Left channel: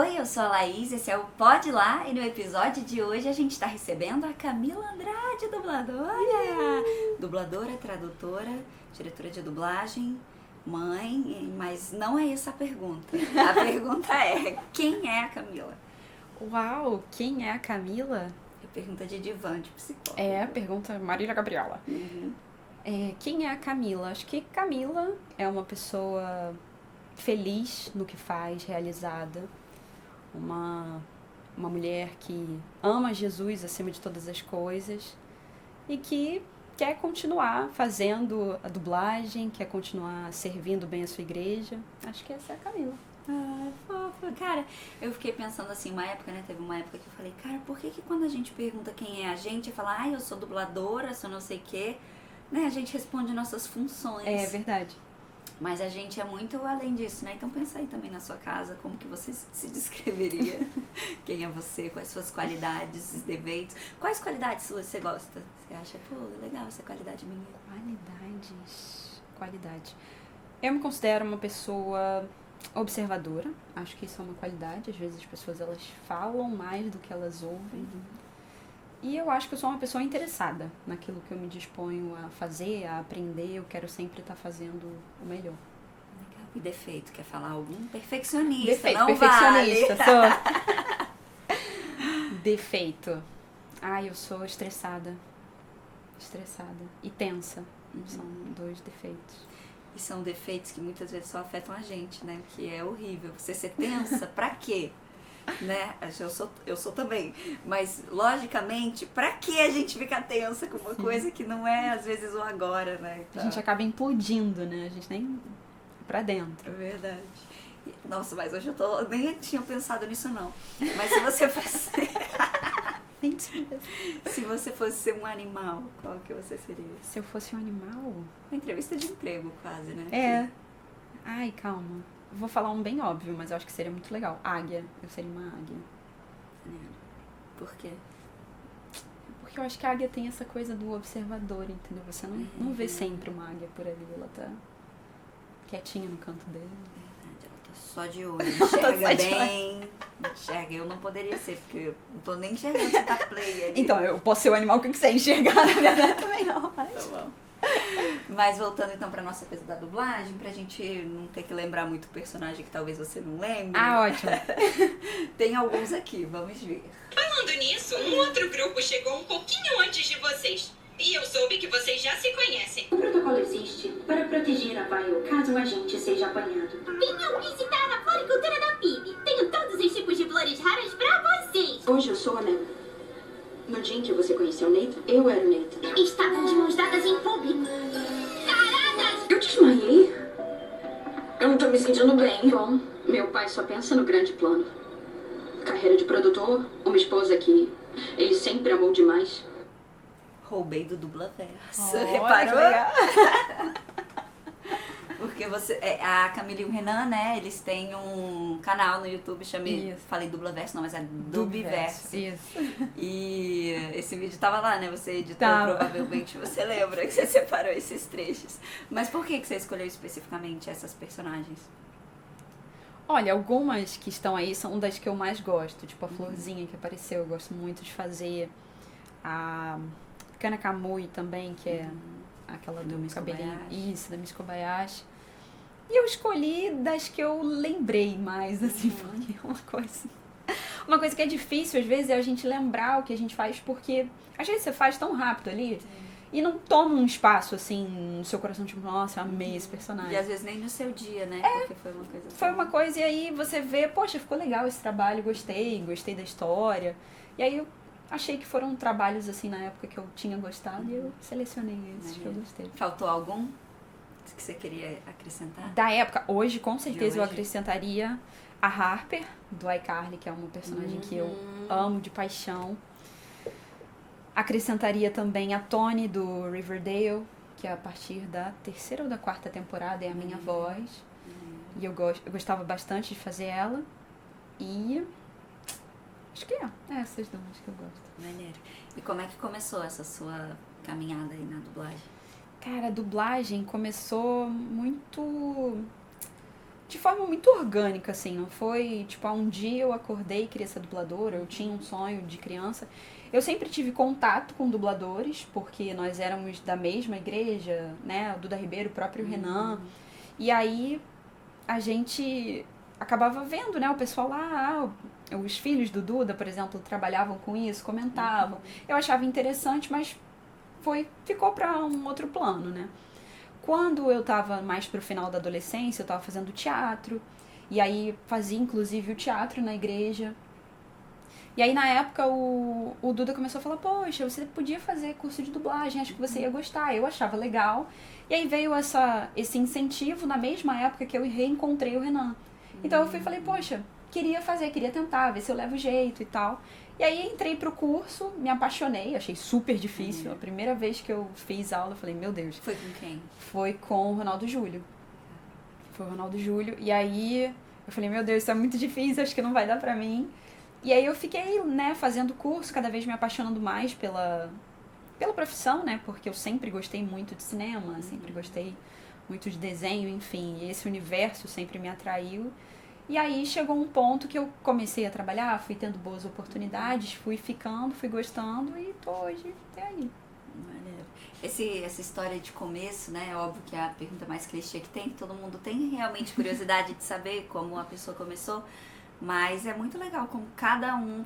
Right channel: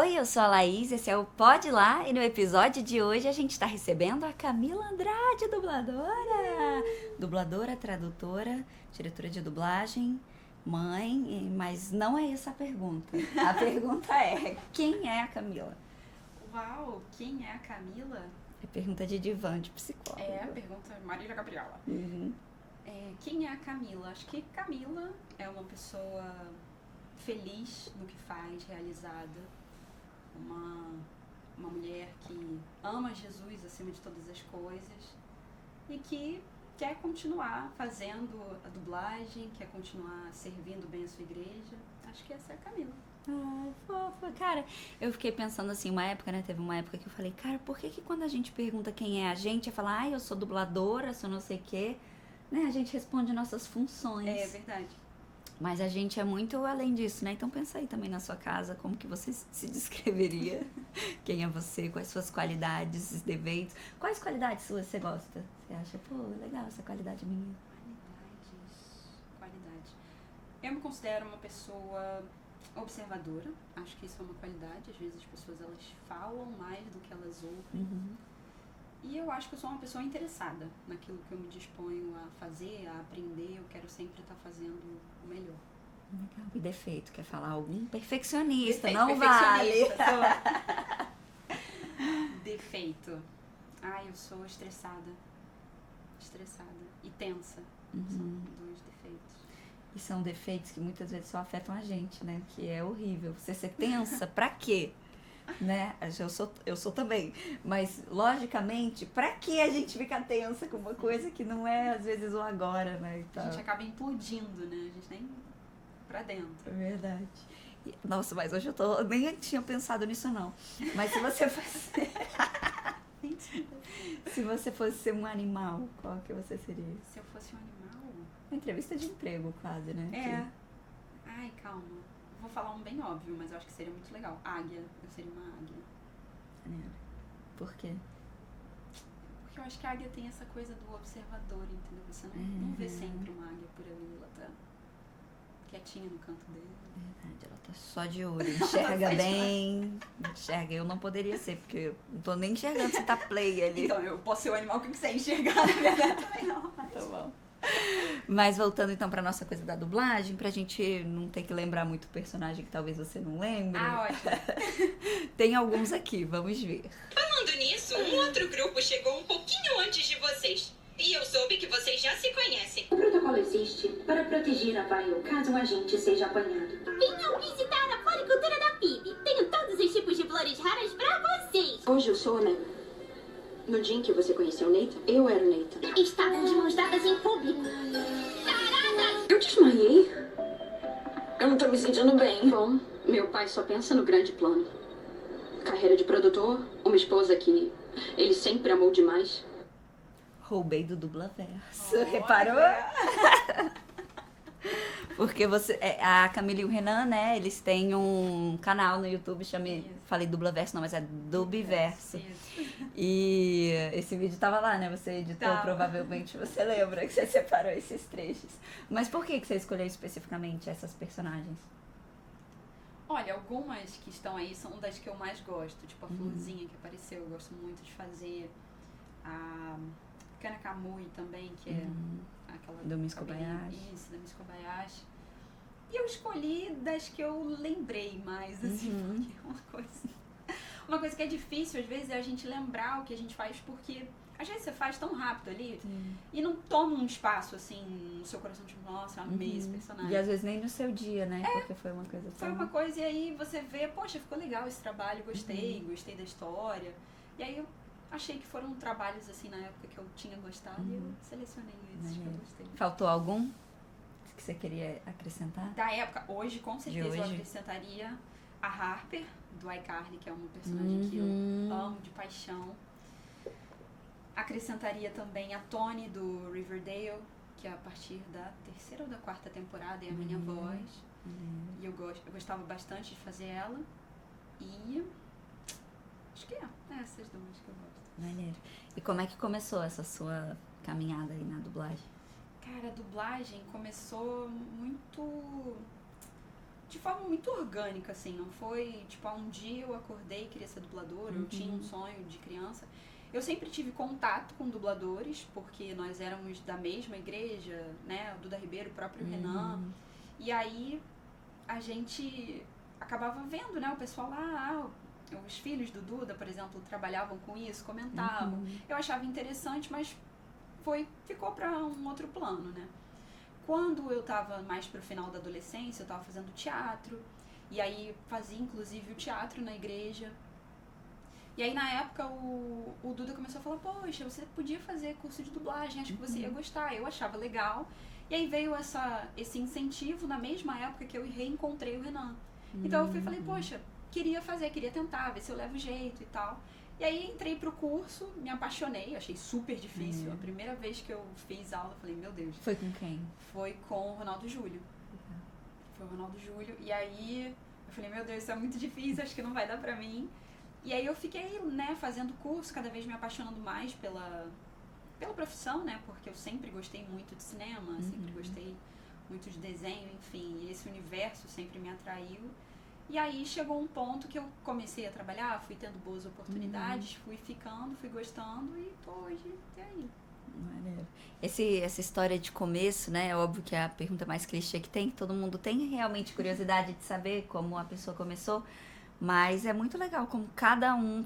Oi, eu sou a Laís, esse é o Pode Lá e no episódio de hoje a gente tá recebendo a Camila Andrade, dubladora! Dubladora, tradutora, diretora de dublagem, mãe, mas não é essa a pergunta. A pergunta é, quem é a Camila? Uau, quem é a Camila? É pergunta de divã, de psicóloga. É, pergunta Marília Gabriela. Quem é a Camila? Acho que Camila é uma pessoa feliz no que faz, realizada. Uma mulher que ama Jesus acima de todas as coisas e que quer continuar fazendo a dublagem, quer continuar servindo bem a sua igreja. Acho que essa é a Camila. Ah, fofa. Cara, eu fiquei pensando assim, uma época, né? Teve uma época que eu falei, cara, por que quando a gente pergunta quem é a gente, eu falo, eu sou dubladora, sou não sei o quê, né? A gente responde nossas funções. É verdade. Mas a gente é muito além disso, né? Então pensa aí também na sua casa, como que você se descreveria? Quem é você? Quais suas qualidades, defeitos? Quais qualidades você gosta? Você acha, pô, legal essa qualidade minha? Qualidade. Eu me considero uma pessoa observadora. Acho que isso é uma qualidade. Às vezes as pessoas elas falam mais do que elas ouvem. E eu acho que eu sou uma pessoa interessada naquilo que eu me disponho a fazer, a aprender. Eu quero sempre estar fazendo o melhor. Legal. E defeito? Quer falar algum? Perfeccionista, Defeito, não perfeccionista. vale. Defeito. Eu sou estressada. E tensa. São dois defeitos. E são defeitos que muitas vezes só afetam a gente, né? Que é horrível. Você ser tensa, pra quê? Né? Eu sou também. Mas, logicamente, pra que a gente fica tensa com uma coisa que não é, às vezes, o agora, né? Então, A gente acaba implodindo, né? A gente nem... pra dentro. é verdade. Nossa, mas hoje eu nem tinha pensado nisso, não. Mas se você fosse... Mentira. Se você fosse ser um animal, qual que você seria? Se eu fosse um animal... Uma entrevista de emprego, quase, né? É. Ai, calma. Vou falar um bem óbvio, mas eu acho que seria muito legal. Águia. Eu seria uma águia. Por quê? Porque eu acho que a águia tem essa coisa do observador, entendeu? Você não vê sempre uma águia por ali. Ela tá quietinha no canto dele. Verdade, ela tá só de olho. Enxerga bem. Enxerga. Eu não poderia ser, porque eu não tô nem enxergando se tá play ali. Então, eu posso ser o animal que eu quiser enxergar, na verdade, também não. Mas... Tá bom. Mas voltando então pra nossa coisa da dublagem, pra gente não ter que lembrar muito o personagem que talvez você não lembre. Ótimo. Tem alguns aqui, vamos ver. Falando nisso, um outro grupo chegou um pouquinho antes de vocês. E eu soube que vocês já se conhecem. O protocolo existe para proteger a Bio caso um agente seja apanhado. Venham visitar a floricultura da PIB. Tenho todos os tipos de flores raras pra vocês. Hoje eu sou a Nemo. No dia em que você conheceu o Nathan, eu era o Nathan. Estavam de mãos dadas em público. Taradas! Eu desmaiei. Eu não tô me sentindo bem. Bom, meu pai só pensa no grande plano. Carreira de produtor, uma esposa que ele sempre amou demais. Roubei do Dublaverso. Olha, Reparou? que legal. Porque a Camila e o Renan, né, eles têm um canal no YouTube, Isso. falei Dublaverso, não, mas é Dubverso. Isso. E esse vídeo tava lá, né, você editou, Tava. provavelmente você lembra que você separou esses trechos. Mas por que você escolheu especificamente essas personagens? Olha, algumas que estão aí são das que eu mais gosto. Tipo a Florzinha que apareceu, eu gosto muito de fazer. A Kana Kamui também, que é aquela do Miss cabelinho. Kobayashi. Isso, da Miss Kobayashi. E eu escolhi das que eu lembrei mais, assim, porque é uma coisa que é difícil, às vezes, é a gente lembrar o que a gente faz, porque às vezes você faz tão rápido ali e não toma um espaço, assim, no seu coração, tipo, nossa, eu amei esse personagem. E às vezes nem no seu dia, né, porque foi uma coisa Foi uma coisa, e aí você vê, poxa, ficou legal esse trabalho, gostei da história. E aí eu achei que foram trabalhos, assim, na época que eu tinha gostado e eu selecionei esses que eu gostei. Faltou algum que você queria acrescentar? Da época, hoje, com certeza, eu hoje? acrescentaria a Harper, do iCarly, que é uma personagem que eu amo de paixão. Acrescentaria também a Toni, do Riverdale, que a partir da 3ª ou da 4ª temporada é a minha voz. E eu gostava bastante de fazer ela. E acho que essas duas que eu gosto. Maneiro. E como é que começou essa sua caminhada aí na dublagem? Cara, a dublagem começou muito de forma muito orgânica, assim, não foi, tipo, um dia eu acordei e queria ser dubladora, eu tinha um sonho de criança. Eu sempre tive contato com dubladores, porque nós éramos da mesma igreja, né, o Duda Ribeiro, o próprio Renan, e aí a gente acabava vendo, né, o pessoal lá, os filhos do Duda, por exemplo, trabalhavam com isso, comentavam. Eu achava interessante, mas ficou para um outro plano, né. Quando eu tava mais pro final da adolescência, eu tava fazendo teatro, e aí fazia inclusive o teatro na igreja. E aí na época o Duda começou a falar, poxa, você podia fazer curso de dublagem, acho que você ia gostar. Eu achava legal. E aí veio esse incentivo na mesma época que eu reencontrei o Renan. Então eu fui e falei, poxa, queria tentar, ver se eu levo jeito e tal. E aí entrei pro curso, me apaixonei, achei super difícil. A primeira vez que eu fiz aula, eu falei, meu Deus. Foi com quem? Foi com o Ronaldo Júlio. E aí eu falei, meu Deus, isso é muito difícil, acho que não vai dar pra mim. E aí eu fiquei, né, fazendo curso, cada vez me apaixonando mais pela profissão, né, porque eu sempre gostei muito de cinema, sempre gostei muito de desenho, enfim, e esse universo sempre me atraiu. E aí chegou um ponto que eu comecei a trabalhar, fui tendo boas oportunidades, fui ficando, fui gostando e tô hoje até aí. Maneiro. Essa história de começo, né, é óbvio que é a pergunta mais clichê que tem, todo mundo tem realmente curiosidade de saber como a pessoa começou, mas é muito legal como cada um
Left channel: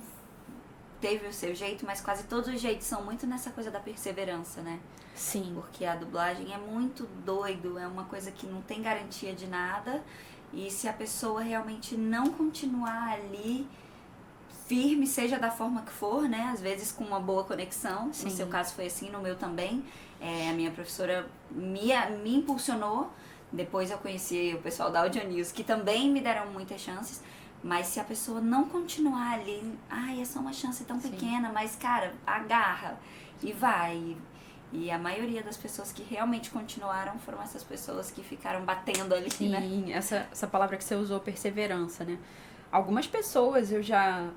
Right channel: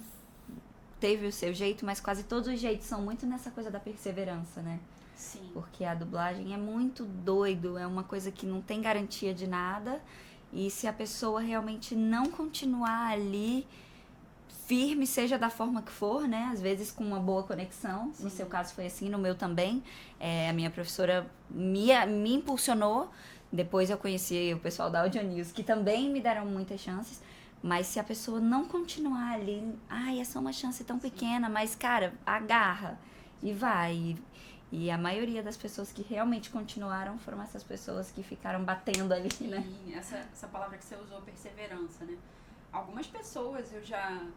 teve o seu jeito, mas quase todos os jeitos são muito nessa coisa da perseverança, né? Sim. Porque a dublagem é muito doido, é uma coisa que não tem garantia de nada, e se a pessoa realmente não continuar ali firme, seja da forma que for, né? Às vezes com uma boa conexão, Sim. no seu caso foi assim, no meu também. A minha professora me impulsionou, depois eu conheci o pessoal da Audio News, que também me deram muitas chances, mas se a pessoa não continuar ali, é só uma chance tão pequena, mas cara, agarra e vai. E a maioria das pessoas que realmente continuaram foram essas pessoas que ficaram batendo ali, Sim, né? essa palavra que você usou, perseverança, né? Algumas pessoas eu já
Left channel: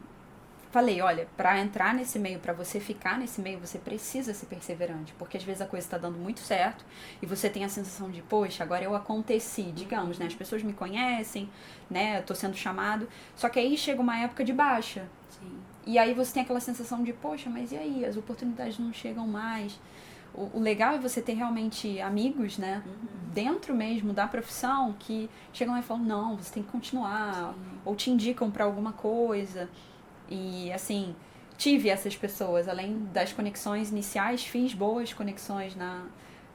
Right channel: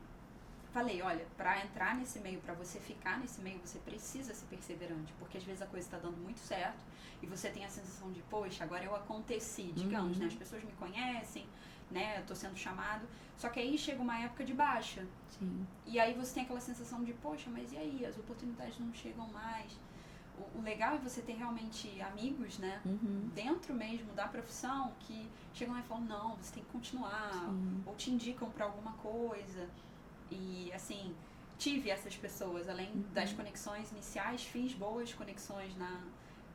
falei, olha, pra entrar nesse meio, pra você ficar nesse meio, você precisa ser perseverante, porque às vezes a coisa tá dando muito certo e você tem a sensação de, poxa, agora eu aconteci, digamos, né? As pessoas me conhecem, né? Eu tô sendo chamado, só que aí chega uma época de baixa. Sim. E aí você tem aquela sensação de, poxa, mas e aí? As oportunidades não chegam mais. O legal é você ter realmente amigos, né, dentro mesmo da profissão, que chegam lá e falam, não, você tem que continuar, ou te indicam pra alguma coisa. E, assim, tive essas pessoas, além das conexões iniciais, fiz boas conexões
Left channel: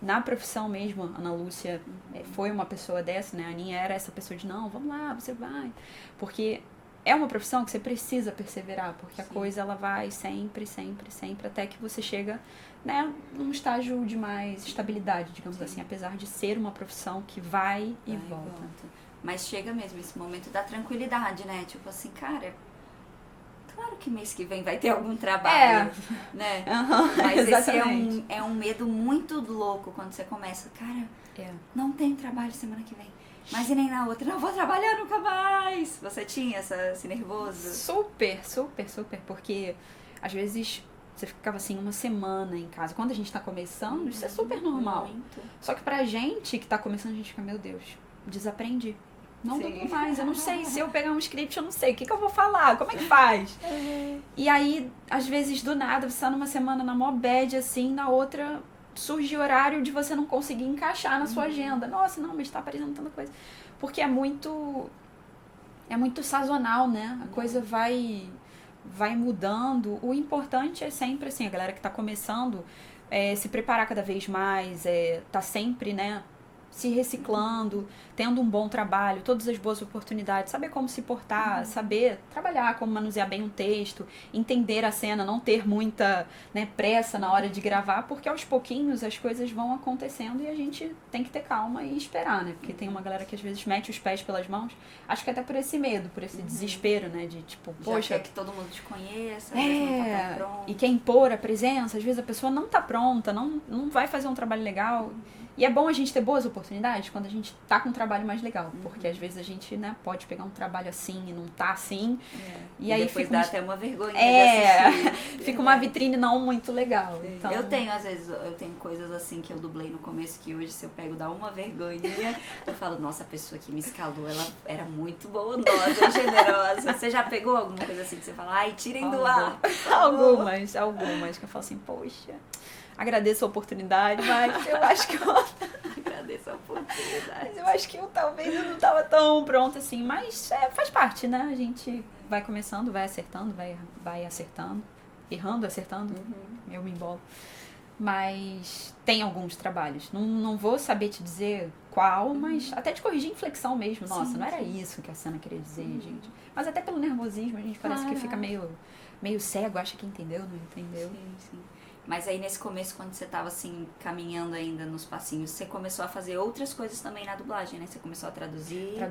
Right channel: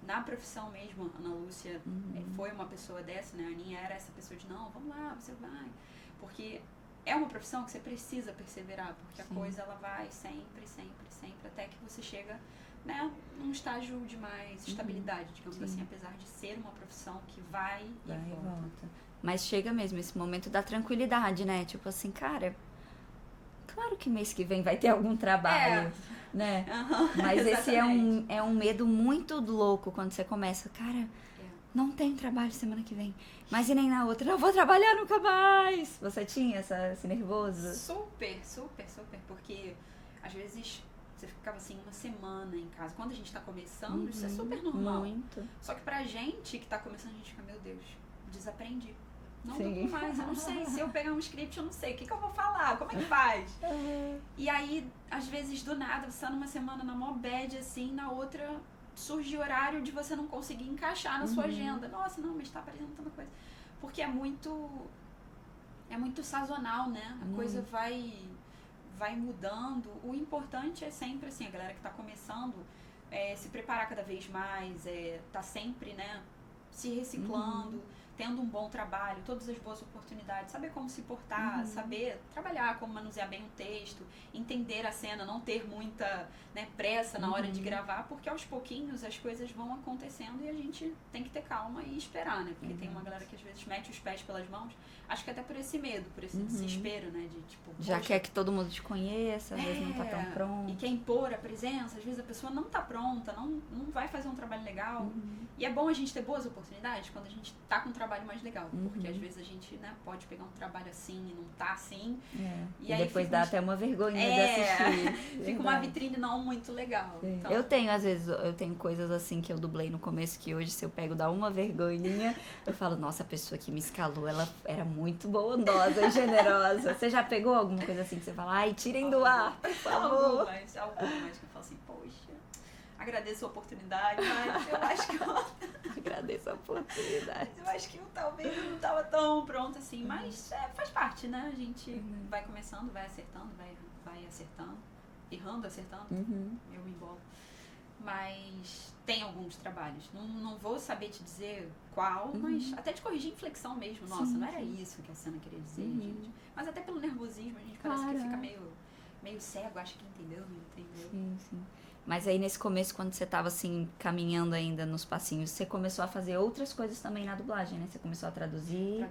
na profissão mesmo. A Ana Lúcia foi uma pessoa dessa, né, a Aninha era essa pessoa de, não, vamos lá, você vai. Porque é uma profissão que você precisa perseverar, porque a coisa ela vai sempre, sempre, sempre, até que você chega, né, num estágio de mais estabilidade, digamos assim, apesar de ser uma profissão que vai e volta. Mas chega mesmo esse momento da tranquilidade, né? Tipo assim, cara, claro que mês que vem vai ter algum trabalho, né? Mas esse é um medo muito louco quando você começa, cara, não tem trabalho semana que vem, mas e nem na outra, não vou trabalhar nunca mais. Você tinha esse nervoso? Super, super, super, porque às vezes você ficava assim uma semana em casa. Quando a gente tá começando, isso é super normal. Muito. Só que pra gente que tá começando, a gente fica, meu Deus, desaprendi. Não dou mais, eu não sei. Se eu pegar um script, eu não sei. O que eu vou falar? Como é que faz? E aí, às vezes, do nada, você tá numa semana na mó bad, assim, na outra surge horário de você não conseguir encaixar na sua agenda. Nossa, não, mas tá aparecendo tanta coisa. Porque é muito sazonal, né? A coisa vai mudando. O importante é sempre, assim, a galera que tá começando, se preparar cada vez mais, tá sempre, né, se reciclando, tendo um bom trabalho, todas as boas oportunidades, saber como se portar, saber trabalhar, como manusear bem um texto, entender a cena, não ter muita, né, pressa na hora de gravar, porque aos pouquinhos as coisas vão acontecendo e a gente tem que ter calma e esperar, né? Porque tem uma galera que às vezes mete os pés pelas mãos, acho que até por esse medo, por esse desespero, né? De tipo, já poxa, quer que todo mundo te conheça, às vezes não tá tão pronto. E quer impor a presença, às vezes a pessoa não tá pronta, não vai fazer um trabalho legal. E é bom a gente ter boas oportunidades quando a gente tá com um trabalho mais legal. Porque às vezes a gente, né, pode pegar um trabalho assim e não tá assim. E aí depois dá até uma vergonha de assistir. Fica uma vitrine não muito legal. Então... Eu tenho, às vezes, coisas assim que eu dublei no começo que hoje, se eu pego, dá uma vergonhinha. Eu falo, nossa, a pessoa que me escalou, ela era muito bondosa, generosa. Você já pegou alguma coisa assim que você fala, ai, tirem do ar? Algumas que eu falo assim, poxa... Agradeço a oportunidade, mas eu acho que eu... Agradeço a oportunidade. Mas eu acho que talvez eu não tava tão pronta assim. Mas faz parte, né? A gente vai começando, vai acertando, vai acertando. Errando, acertando. Eu me embolo. Mas tem alguns trabalhos. Não vou saber te dizer qual, mas até de corrigir inflexão mesmo. Nossa, não era isso que a cena queria dizer, gente. Mas até pelo nervosismo, a gente parece que fica meio cego, acha que entendeu, não entendeu. Sim. Mas aí nesse começo, quando você tava assim, caminhando ainda nos passinhos, você começou a fazer outras coisas também na dublagem, né? Você começou a traduzir.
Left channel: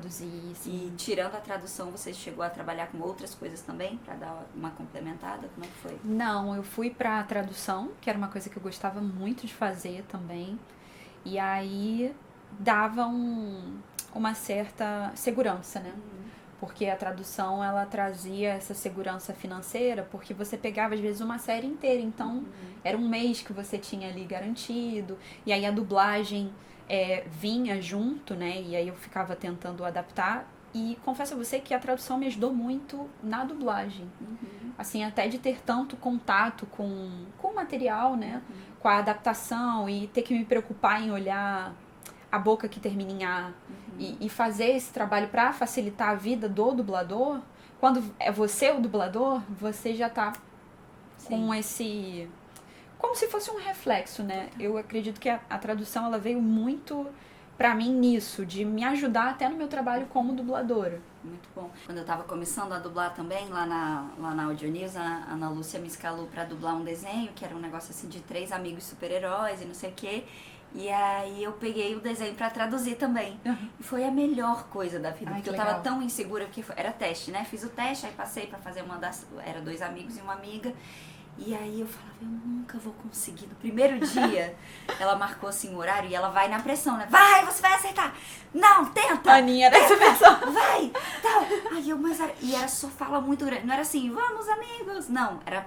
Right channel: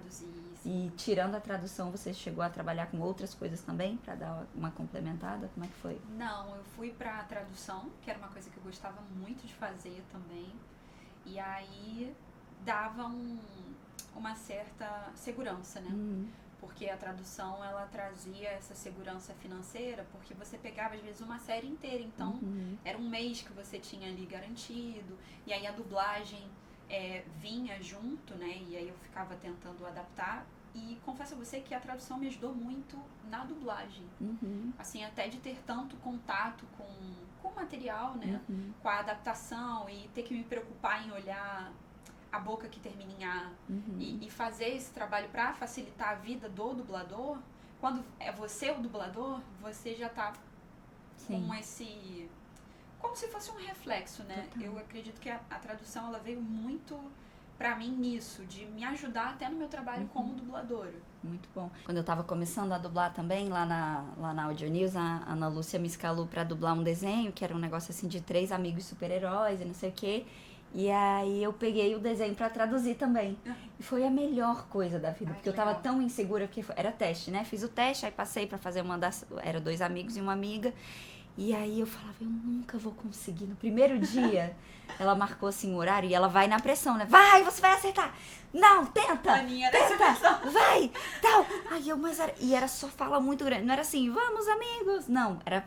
Sim. E tirando a tradução, você chegou a trabalhar com outras coisas também, pra dar uma complementada? Como é que foi? Não, eu fui pra tradução, que era uma coisa que eu gostava muito de fazer também. E aí dava uma certa segurança, né? Porque a tradução, ela trazia essa segurança financeira, porque você pegava, às vezes, uma série inteira. Então, era um mês que você tinha ali garantido. E aí, a dublagem vinha junto, né? E aí, eu ficava tentando adaptar. E confesso a você que a tradução me ajudou muito na dublagem. Assim, até de ter tanto contato com o material, né? Com a adaptação e ter que me preocupar em olhar... a boca que termina em A, e fazer esse trabalho para facilitar a vida do dublador, quando é você o dublador, você já tá com esse... como se fosse um reflexo, né? Eu acredito que a tradução, ela veio muito pra mim nisso, de me ajudar até no meu trabalho como dubladora. Muito bom. Quando eu tava começando a dublar também, lá na Audio News, a Ana Lúcia me escalou pra dublar um desenho, que era um negócio assim de 3 amigos super-heróis e não sei o quê. E aí eu peguei o desenho pra traduzir também. E foi a melhor coisa da vida, porque eu tava tão insegura, porque era teste, né? Fiz o teste, aí passei pra fazer era 2 amigos e uma amiga. E aí eu falava, eu nunca vou conseguir. No primeiro dia, ela marcou assim o horário e ela vai na pressão, né? Vai, você vai acertar! Não, tenta! A Aninha era essa pessoa. Vai! Tal! Aí eu, e era só fala muito grande. Não era assim, vamos amigos! Não, era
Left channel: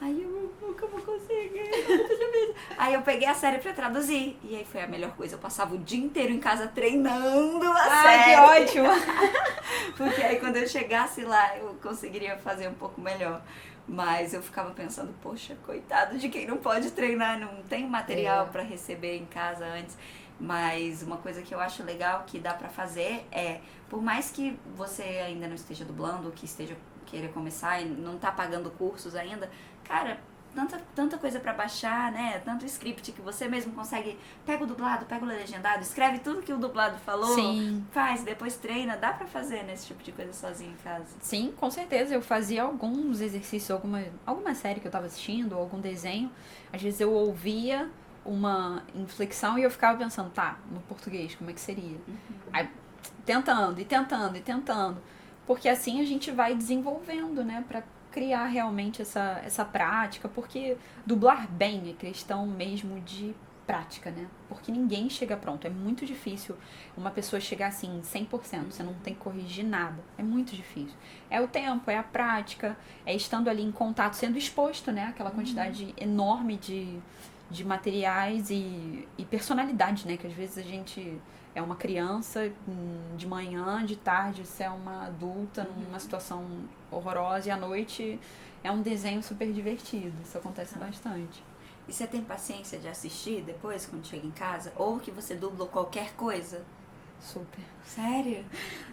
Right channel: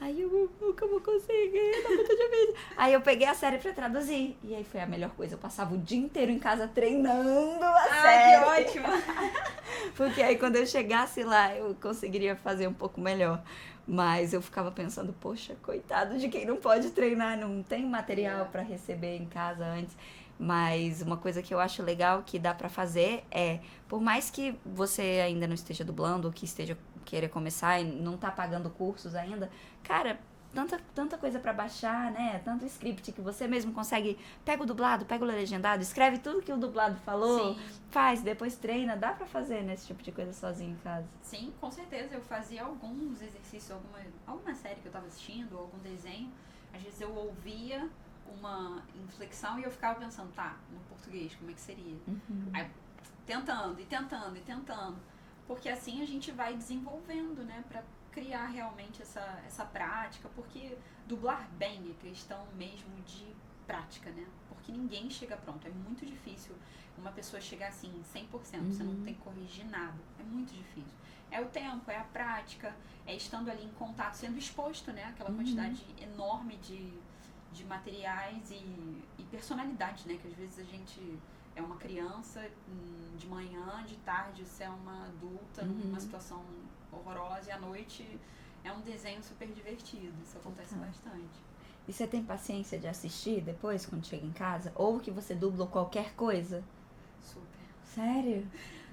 Aí eu nunca vou conseguir, tá muito difícil. Aí eu peguei a série pra traduzir. E aí foi a melhor coisa. Eu passava o dia inteiro em casa treinando a série. Ai, que ótimo! Porque aí quando eu chegasse lá, eu conseguiria fazer um pouco melhor. Mas eu ficava pensando, poxa, coitado de quem não pode treinar, não tem material pra receber em casa antes. Mas uma coisa que eu acho legal que dá pra fazer é, por mais que você ainda não esteja dublando, ou que esteja queira começar e não tá pagando cursos ainda, cara, tanta coisa pra baixar, né? Tanto script que você mesmo consegue, pega o dublado, pega o legendado, escreve tudo que o dublado falou, faz, depois treina, dá pra fazer nesse tipo de coisa sozinho em casa. Sim, com certeza. Eu fazia alguns exercícios, alguma série que eu tava assistindo, ou algum desenho. Às vezes eu ouvia uma inflexão e eu ficava pensando, tá, no português, como é que seria? Aí, tentando. Porque assim a gente vai desenvolvendo, né, pra criar realmente essa prática, porque dublar bem é questão mesmo de prática, né? Porque ninguém chega pronto, é muito difícil uma pessoa chegar assim 100%, você não tem que corrigir nada, é muito difícil. É o tempo, é a prática, é estando ali em contato, sendo exposto, né? Aquela quantidade enorme de materiais e personalidade, né? Que às vezes a gente é uma criança de manhã, de tarde você é uma adulta numa situação horrorosa e à noite é um desenho super divertido. Isso acontece bastante. E você tem paciência de assistir depois, quando chega em casa? Ou que você dubla qualquer coisa? Super. Sério?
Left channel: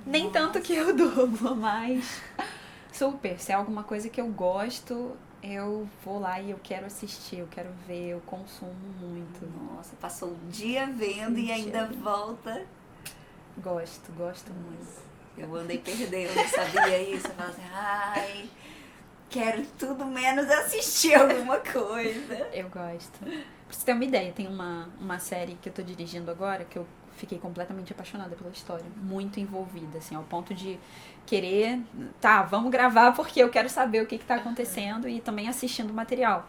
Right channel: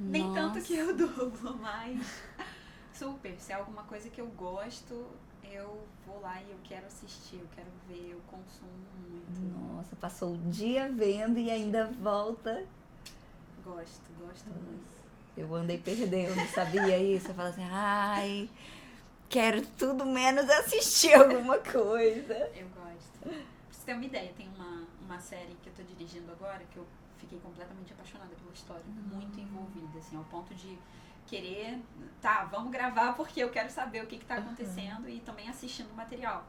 Nem tanto que eu dublo, mas super. Se é alguma coisa que eu gosto, eu vou lá e eu quero assistir, eu quero ver, eu consumo muito. Nossa, passou o dia vendo e ainda volta. Gosto muito. Eu andei perdendo, sabia isso? Eu falo assim, ai, quero tudo menos assistir alguma coisa. Eu gosto. Pra você ter uma ideia, tem uma série que eu tô dirigindo agora que eu fiquei completamente apaixonada pela história. Muito envolvida, assim, ao ponto de querer, tá, vamos gravar porque eu quero saber o que tá acontecendo e também assistindo o material.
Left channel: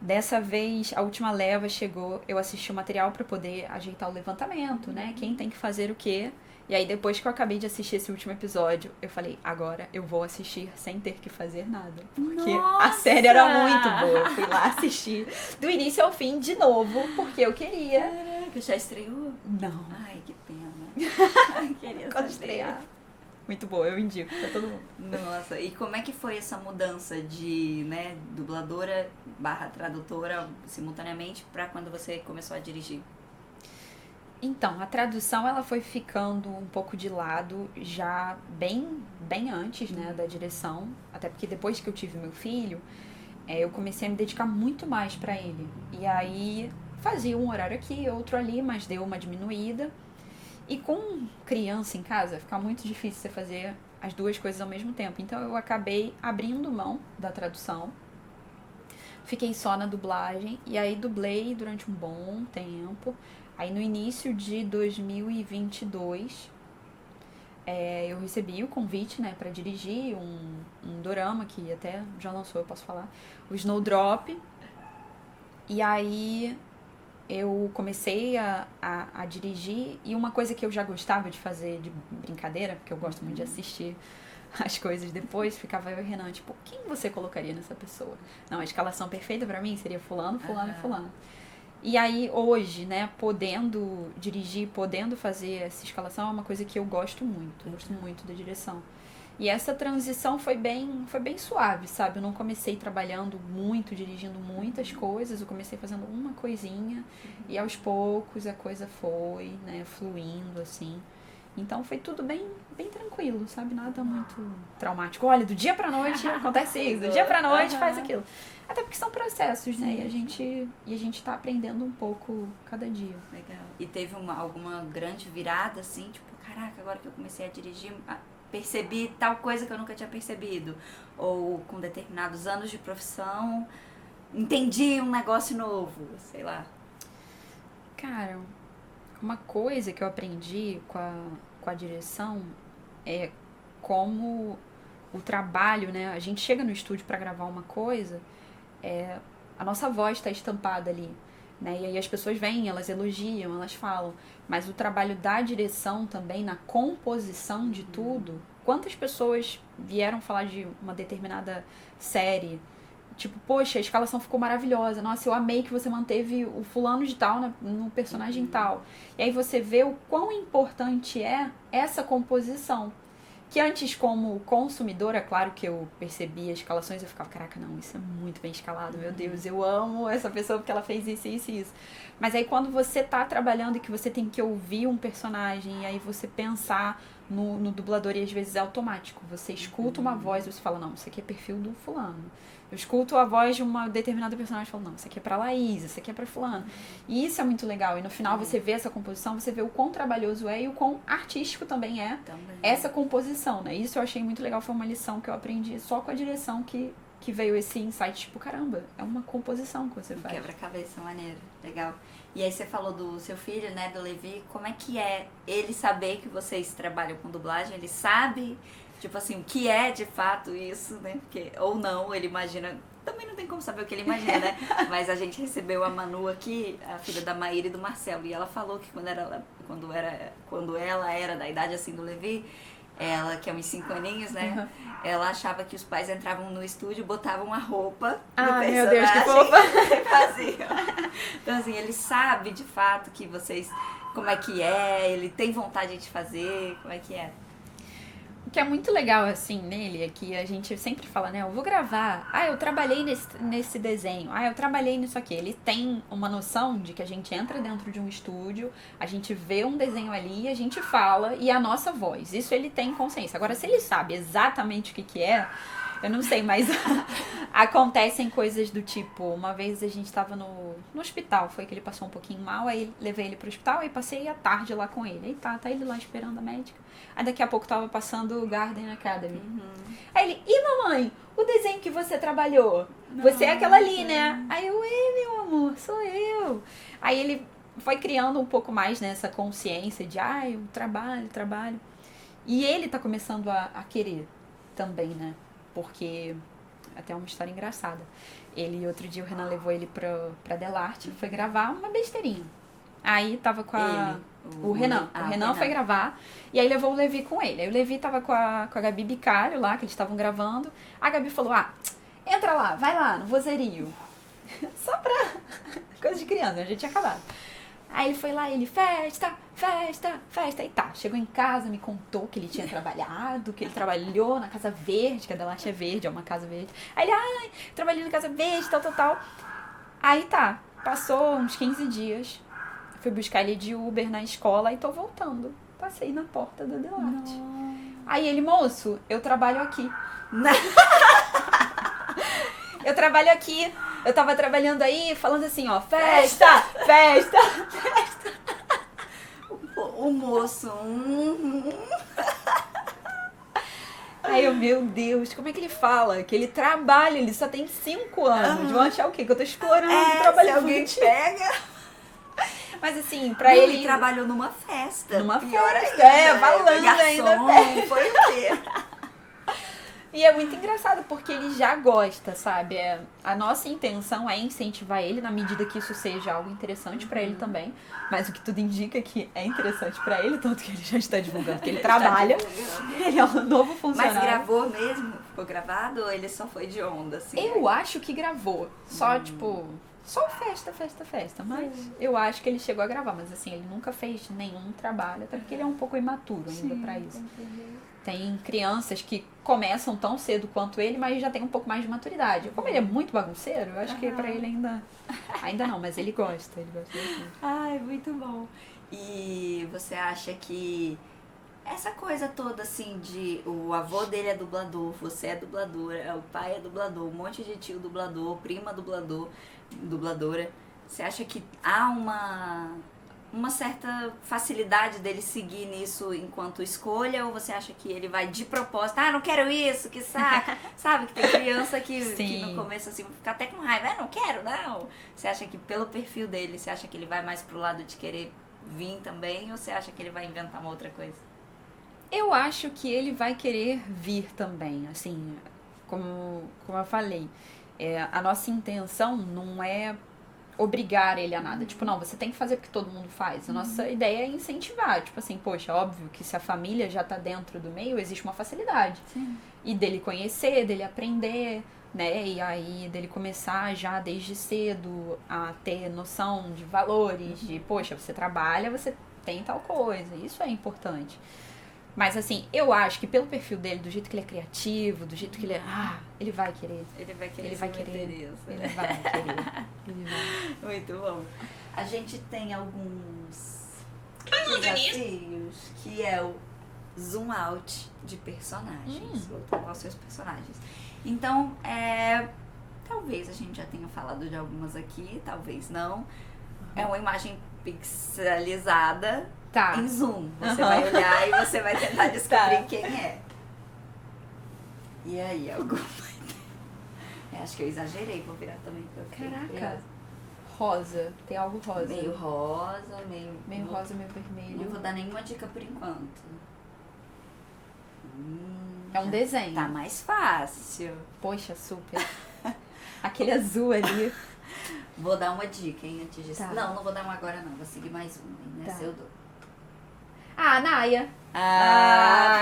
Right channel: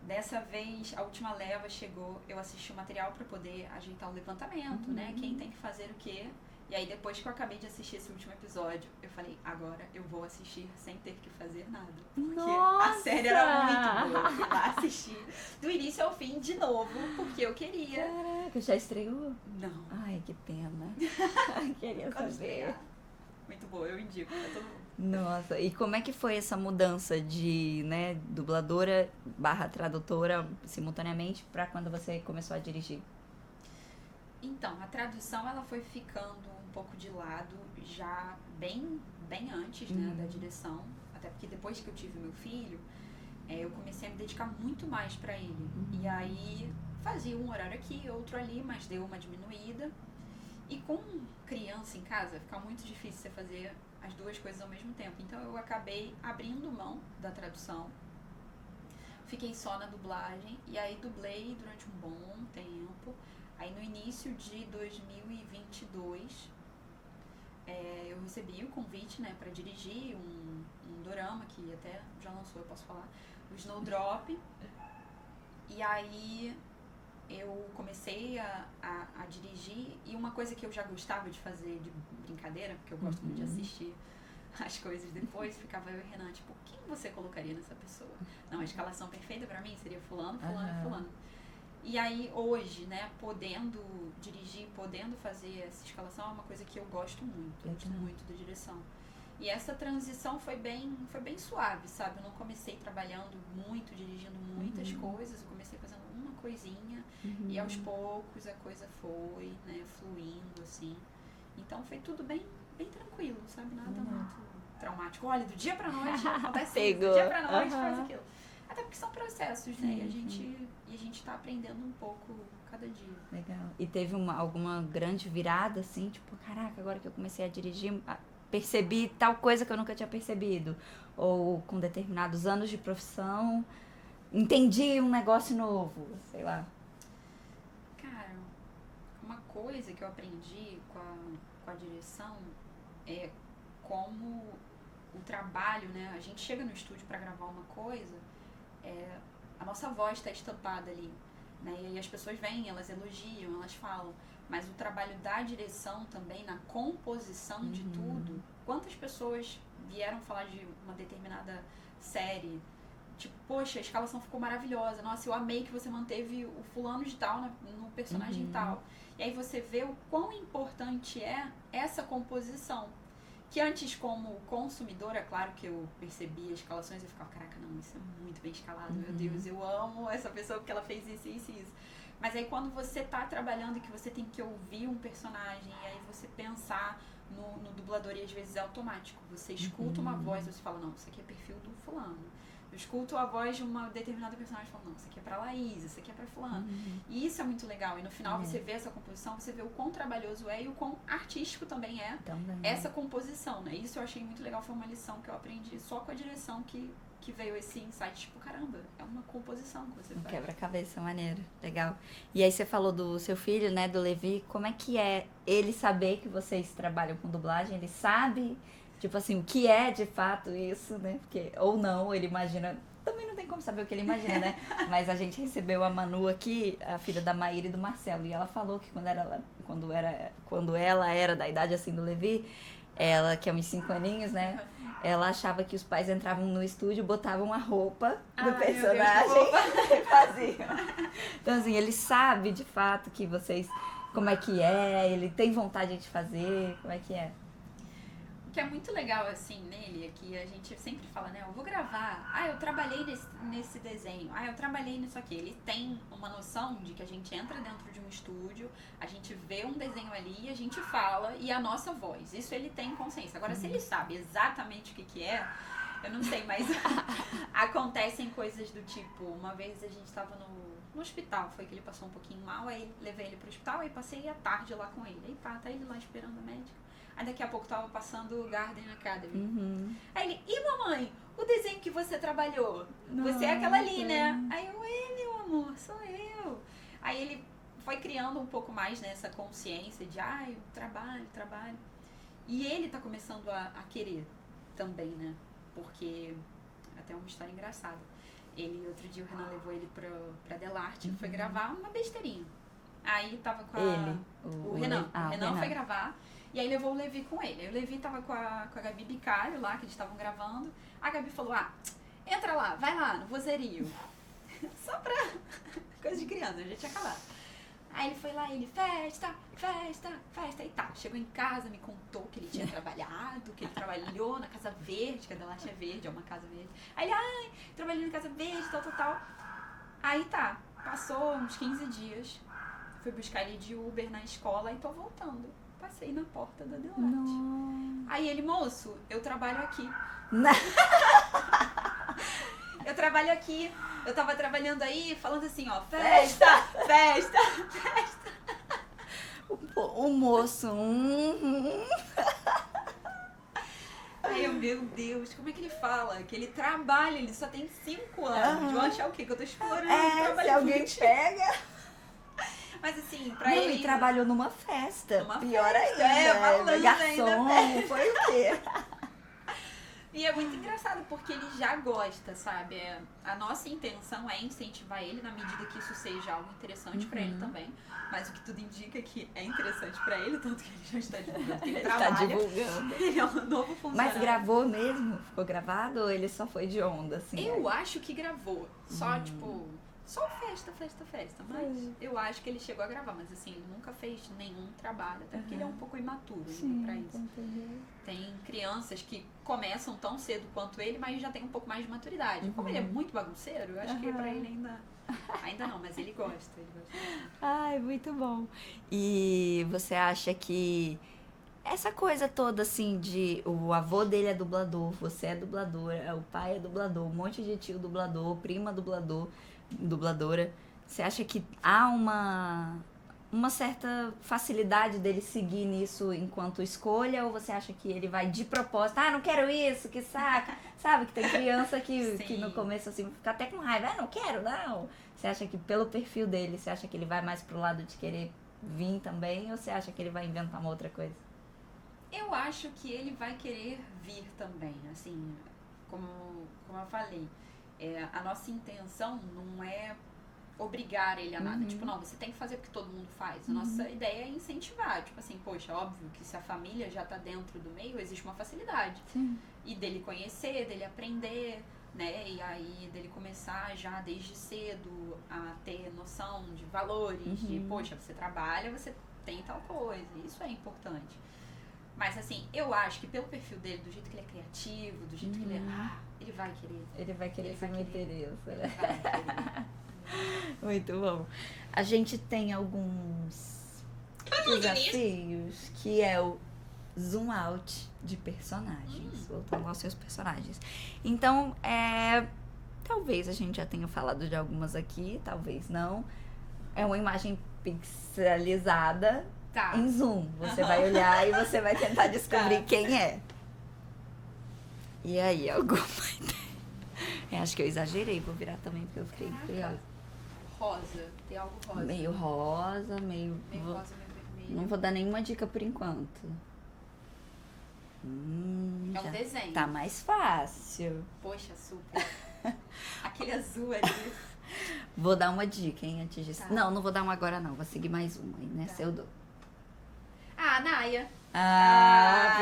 Dessa vez, a última leva chegou, eu assisti o material para poder ajeitar o levantamento, né? Quem tem que fazer o quê. E aí, depois que eu acabei de assistir esse último episódio, eu falei, agora eu vou assistir sem ter que fazer nada. Porque a série era muito boa. Eu fui lá assistir do início ao fim de novo, porque eu queria. Caraca, já estreou? Não. Ai, que pena. Queria Quando saber. estrear. Muito boa, eu indico pra todo mundo. Nossa, e como é que foi essa mudança de, né, dubladora / tradutora simultaneamente pra quando você começou a dirigir? Então, a tradução ela foi ficando um pouco de lado já bem antes, né, da direção. Até porque depois que eu tive meu filho, eu comecei a me dedicar muito mais pra ele. E aí fazia um horário aqui, outro ali, mas deu uma diminuída. E com criança em casa, fica muito difícil você fazer as duas coisas ao mesmo tempo. Então eu acabei abrindo mão da tradução. Fiquei só na dublagem. E aí dublei durante um bom tempo. Aí no início de 2022, eu recebi o convite, né, pra dirigir um dorama que até já lançou, eu posso falar, o Snowdrop. E aí eu comecei a dirigir, e uma coisa que eu já gostava de fazer de brincadeira, porque eu gosto muito de assistir as coisas depois, ficava eu e Renan, tipo, quem você colocaria nessa pessoa? Não, a escalação perfeita pra mim seria fulano, fulano e fulano. E aí, hoje, né, podendo dirigir, podendo fazer essa escalação, é uma coisa que eu gosto muito. Eu gosto muito da direção. E essa transição foi bem suave, sabe? Eu não comecei trabalhando muito, dirigindo muitas coisas. Eu comecei fazendo uma coisinha. E aos poucos a coisa foi, né, fluindo, assim. Então foi tudo bem tranquilo, sabe? Nada muito traumático. Olha, do dia pra noite acontece isso. Do dia pra noite faz aquilo. Até porque são processos, né? Sim, e a gente tá aprendendo um pouco cada dia. Legal. E teve alguma grande virada, assim? Tipo, caraca, agora que eu comecei a dirigir, percebi tal coisa que eu nunca tinha percebido. Ou com determinados anos de profissão, entendi um negócio novo, sei lá. Cara, uma coisa que eu aprendi com a direção é como o trabalho, né? A gente chega no estúdio pra gravar uma coisa, a nossa voz está estampada ali, né? E aí as pessoas vêm, elas elogiam, elas falam. Mas o trabalho da direção também, na composição de tudo. Quantas pessoas vieram falar de uma determinada série? Tipo, poxa, a escalação ficou maravilhosa. Nossa, eu amei que você manteve o fulano de tal no personagem tal. E aí você vê o quão importante é essa composição. Que antes, como consumidora, claro que eu percebia as escalações, eu ficava, caraca, não, isso é muito bem escalado, meu Deus, eu amo essa pessoa porque ela fez isso, isso e isso. Mas aí quando você tá trabalhando e que você tem que ouvir um personagem, e aí você pensar no dublador, e às vezes é automático, você escuta uma voz e você fala, não, isso aqui é perfil do fulano. Eu escuto a voz de uma determinada personagem e falo, não, isso aqui é pra Laís, isso aqui é pra fulano. E isso é muito legal. E no final você vê essa composição, você vê o quão trabalhoso é e o quão artístico também é essa composição, né? Isso eu achei muito legal, foi uma lição que eu aprendi só com a direção que veio esse insight, tipo, caramba, é uma composição que você faz. Quebra-cabeça, maneiro, legal. E aí você falou do seu filho, né, do Levi, como é que é ele saber que vocês trabalham com dublagem? Ele sabe... Tipo assim, o que é de fato isso, né? Porque, ou não, ele imagina... Também não tem como saber o que ele imagina, né? Mas a gente recebeu a Manu aqui, a filha da Maíra e do Marcelo. E ela falou que quando ela era da idade assim do Levi, ela, que é uns 5 aninhos, né? Ela achava que os pais entravam no estúdio, botavam a roupa do personagem. Meu Deus, que fofa! E faziam. Então assim, ele sabe de fato que vocês... Como é que é, ele tem vontade de fazer, como é que é? O que é muito legal, assim, nele, é que a gente sempre fala, né, eu vou gravar, eu trabalhei nesse desenho, eu trabalhei nisso aqui. Ele tem uma noção de que a gente entra dentro de um estúdio, a gente vê um desenho ali, a gente fala, e a nossa voz. Isso ele tem consciência. Agora, se ele sabe exatamente o que é, eu não sei, mas acontecem coisas do tipo, uma vez a gente tava no hospital, foi que ele passou um pouquinho mal, aí levei ele pro hospital, aí passei a tarde lá com ele. Aí tá ele lá esperando a médica. Aí daqui a pouco tava passando o Garden Academy. Aí ele, e mamãe, o desenho que você trabalhou? Você é aquela ali, né? Aí eu, meu amor, sou eu. Aí ele foi criando um pouco mais nessa consciência de, eu trabalho. E ele tá começando a querer também, né? Porque até uma história engraçada. Outro dia o Renan levou ele pra Delarte, foi gravar uma besteirinha. Aí tava com o Renan. O Renan foi gravar, e aí levou o Levi com ele. Aí o Levi tava com a Gabi Bicalho lá, que eles estavam gravando. A Gabi falou, entra lá, vai lá, no vozerio. Só pra coisa de criança, já tinha acabado. Aí ele foi lá, ele, festa. E tá, chegou em casa, me contou que ele tinha trabalhado, que ele trabalhou na Casa Verde, que a Delarte é verde, é uma casa verde. Aí ele, trabalhei na Casa Verde, tal. Aí tá, passou uns 15 dias, fui buscar ele de Uber na escola e tô voltando. Passei na porta da Delarte. Aí ele, moço, eu trabalho aqui. Eu trabalho aqui, eu tava trabalhando aí, falando assim, ó, festa. O moço. Aí eu, meu Deus, como é que ele fala? Que ele trabalha, ele só tem 5 anos. Vão achar o quê? Que eu tô explorando o trabalho. Se alguém pega. Mas assim, pra ele trabalhou numa festa. Numa pior festa, ainda. falando garçom, ainda. Foi o quê? E é muito engraçado porque ele já gosta, sabe? A nossa intenção é incentivar ele na medida que isso seja algo interessante pra ele também. Mas o que tudo indica é que é interessante pra ele, tanto que ele já está divulgando que ele trabalha. Ele é um novo funcionário. Mas gravou mesmo? Ficou gravado ou ele só foi de onda, assim? Eu acho que gravou. Só, tipo... Só festa. Mas eu acho que ele chegou a gravar. Mas assim, ele nunca fez nenhum trabalho. Até porque ele é um pouco imaturo ainda pra isso. Tem crianças que começam tão cedo quanto ele, mas já tem um pouco mais de maturidade. Como ele é muito bagunceiro, eu acho que pra ele ainda não, mas ele gosta bastante. Ai, muito bom. E você acha que essa coisa toda, assim, de o avô dele é dublador, você é dubladora, o pai é dublador, um monte de tio dublador, prima dubladora, você acha que há uma certa facilidade dele seguir nisso enquanto escolha, ou você acha que ele vai de propósito, não quero isso, que saco, sabe? Que tem criança que no começo assim fica até com raiva, não quero, não. Você acha que pelo perfil dele, você acha que ele vai mais pro lado de querer vir também, ou você acha que ele vai inventar uma outra coisa? Eu acho que ele vai querer vir também, assim, como eu falei, a nossa intenção não é obrigar ele a nada. Tipo, não, você tem que fazer porque todo mundo faz. A nossa ideia é incentivar. Tipo assim, poxa, óbvio que se a família já tá dentro do meio, existe uma facilidade. Sim. E dele conhecer, dele aprender, né? E aí dele começar já desde cedo a ter noção de valores, de, poxa, você trabalha, você tem tal coisa. Isso é importante. Mas assim, eu acho que pelo perfil dele, do jeito que ele é criativo, do jeito que ele é... ele vai querer. Ele vai querer. Muito bom. A gente tem alguns Falando desafios, que é o zoom out de personagens, voltando aos seus personagens. Então, talvez a gente já tenha falado de algumas aqui, talvez não. É uma imagem pixelizada em zoom. Você vai olhar e você vai tentar descobrir quem é. E aí, alguma ideia? Acho que eu exagerei, vou virar também porque eu fiquei curiosa. Rosa, tem algo rosa. Meio rosa, meio rosa, meio vermelho. Não vou dar nenhuma dica por enquanto. É um desenho. Tá mais fácil. Poxa, super. Aquele azul ali. Vou dar uma dica, hein, antes disso. Tá. Não vou dar uma agora não. Vou seguir mais uma, hein, nessa eu dou. Naya.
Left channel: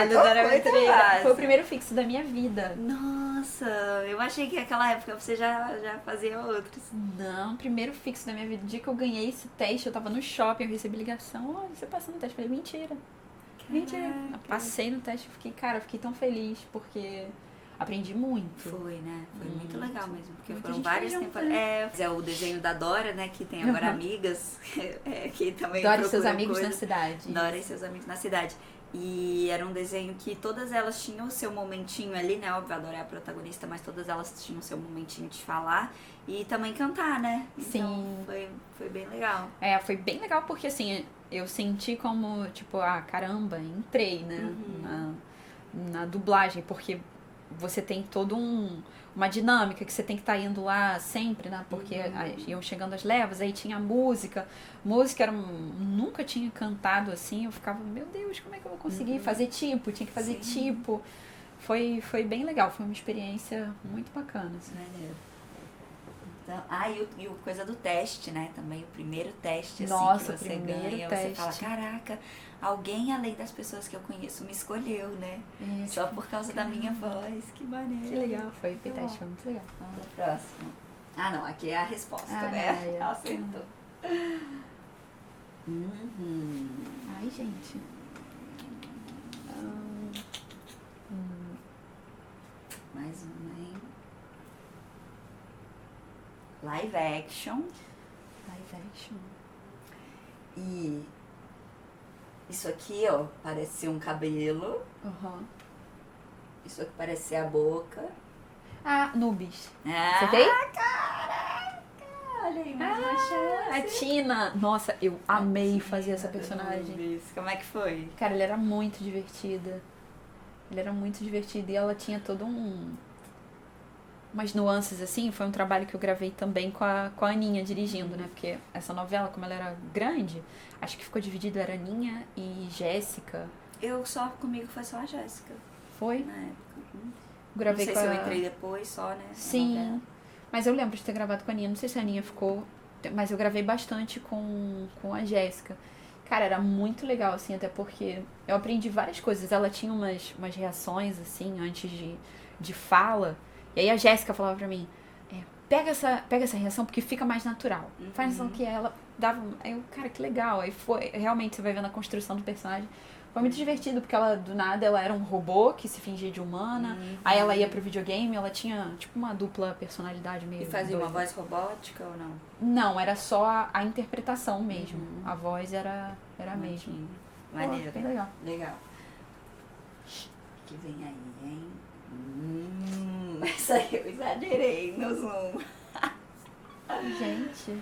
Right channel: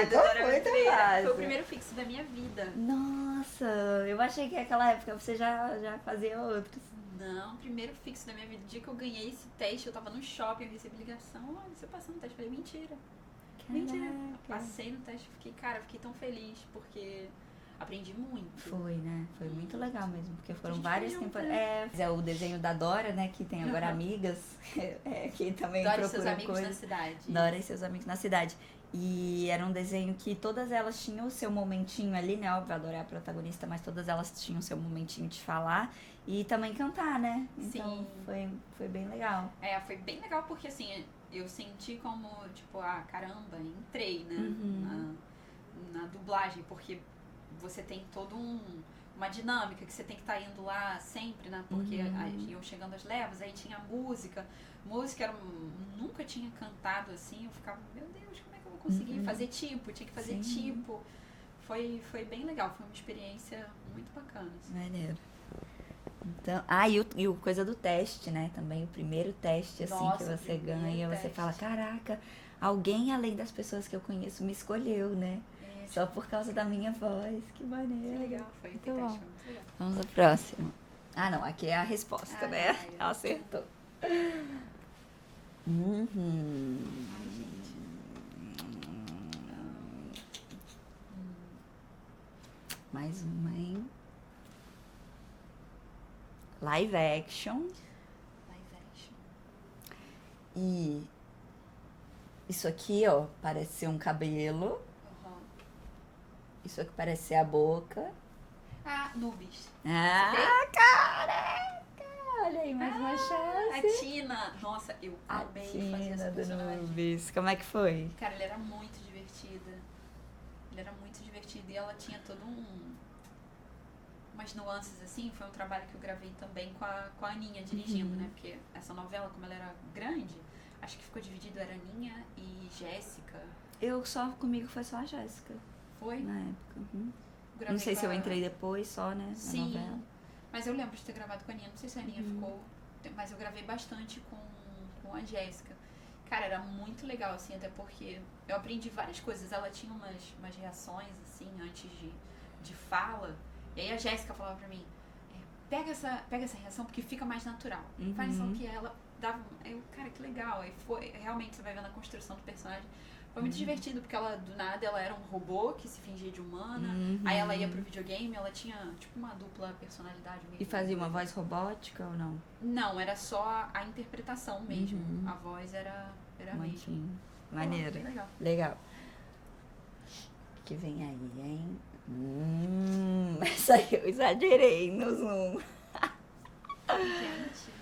Ficou muito fácil. Foi o primeiro fixo da minha vida. Nossa, eu achei que naquela época você já fazia outros. Não, primeiro fixo da minha vida. O dia que eu ganhei esse teste, eu tava no shopping, eu recebi ligação. Olha, você passou no teste. Eu falei, mentira. Mentira. Eu passei no teste, fiquei tão feliz, porque aprendi muito. Foi, né? Foi muito legal mesmo, porque Muita foram gente várias foi junto, temporadas. É o desenho da Dora, né, que tem agora amigas, que também Dora e seus procuram amigos coisas. na cidade. Dora e seus amigos na cidade. E era um desenho que todas elas tinham o seu momentinho ali, né? Óbvio, a Dora é a protagonista, mas todas elas tinham o seu momentinho de falar e também cantar, né? Então, Sim. Foi bem legal. Foi bem legal porque, assim, eu senti como, tipo, caramba, entrei, né? Na dublagem, porque você tem todo uma dinâmica que você tem que estar indo lá sempre, né? Porque iam chegando as levas, aí tinha música. Música nunca tinha cantado assim, eu ficava, meu Deus, como é que eu vou conseguir fazer tipo? Tinha que fazer tipo. foi bem legal, foi uma experiência muito bacana. Assim. Maneiro. Então, e o coisa do teste, né? Também o primeiro teste, assim, Nossa, que você primeiro ganha. Você teste. fala, caraca, alguém além das pessoas que eu conheço me escolheu, né? Só por causa da minha voz. Que maneiro. Que legal, foi o teste, foi muito legal. Vamos ao próximo. Ah, não, aqui é a resposta, né? É. Acertou. Uhum. Ai, gente. Mais uma, hein? Live action. Live action. E isso aqui, ó, parece ser um cabelo. Uhum. Isso aqui parece ser a boca. Ah, Nubis. Ah, Você tem? caraca! Olha aí, mais uma A chance. Tina. Nossa, eu amei Tina fazer essa do personagem. Nubis. Como é que foi? Cara, ele era muito divertida. Ele era muito divertido e ela tinha todo umas nuances assim. Foi um trabalho que eu gravei também com a Aninha dirigindo, né? Porque essa novela, como ela era grande, acho que ficou dividido, era Aninha e Jéssica. Comigo foi só a Jéssica, Foi? na época. Uhum. Não Gravei sei com se eu a- entrei depois só, né? na Sim, novela. mas eu lembro de ter gravado com a Aninha. Não sei se a Aninha ficou, mas eu gravei bastante com a Jéssica. Cara, era muito legal, assim, até porque eu aprendi várias coisas. Ela tinha umas reações, assim, antes de fala. E aí a Jéssica falava pra mim, pega essa reação porque fica mais natural. Faz ação que ela dava... Aí eu, cara, que legal. Aí foi, realmente, você vai vendo a construção do personagem. Foi muito divertido, porque ela, do nada, ela era um robô que se fingia de humana. Aí ela ia pro videogame, ela tinha, tipo, uma dupla personalidade meio... E fazia uma doida. voz robótica ou não? Não, era só a interpretação mesmo. A voz era a mesma. Maneiro. Pô, bem legal. Legal. O que vem aí, hein? Essa aí eu exagerei no zoom. Gente,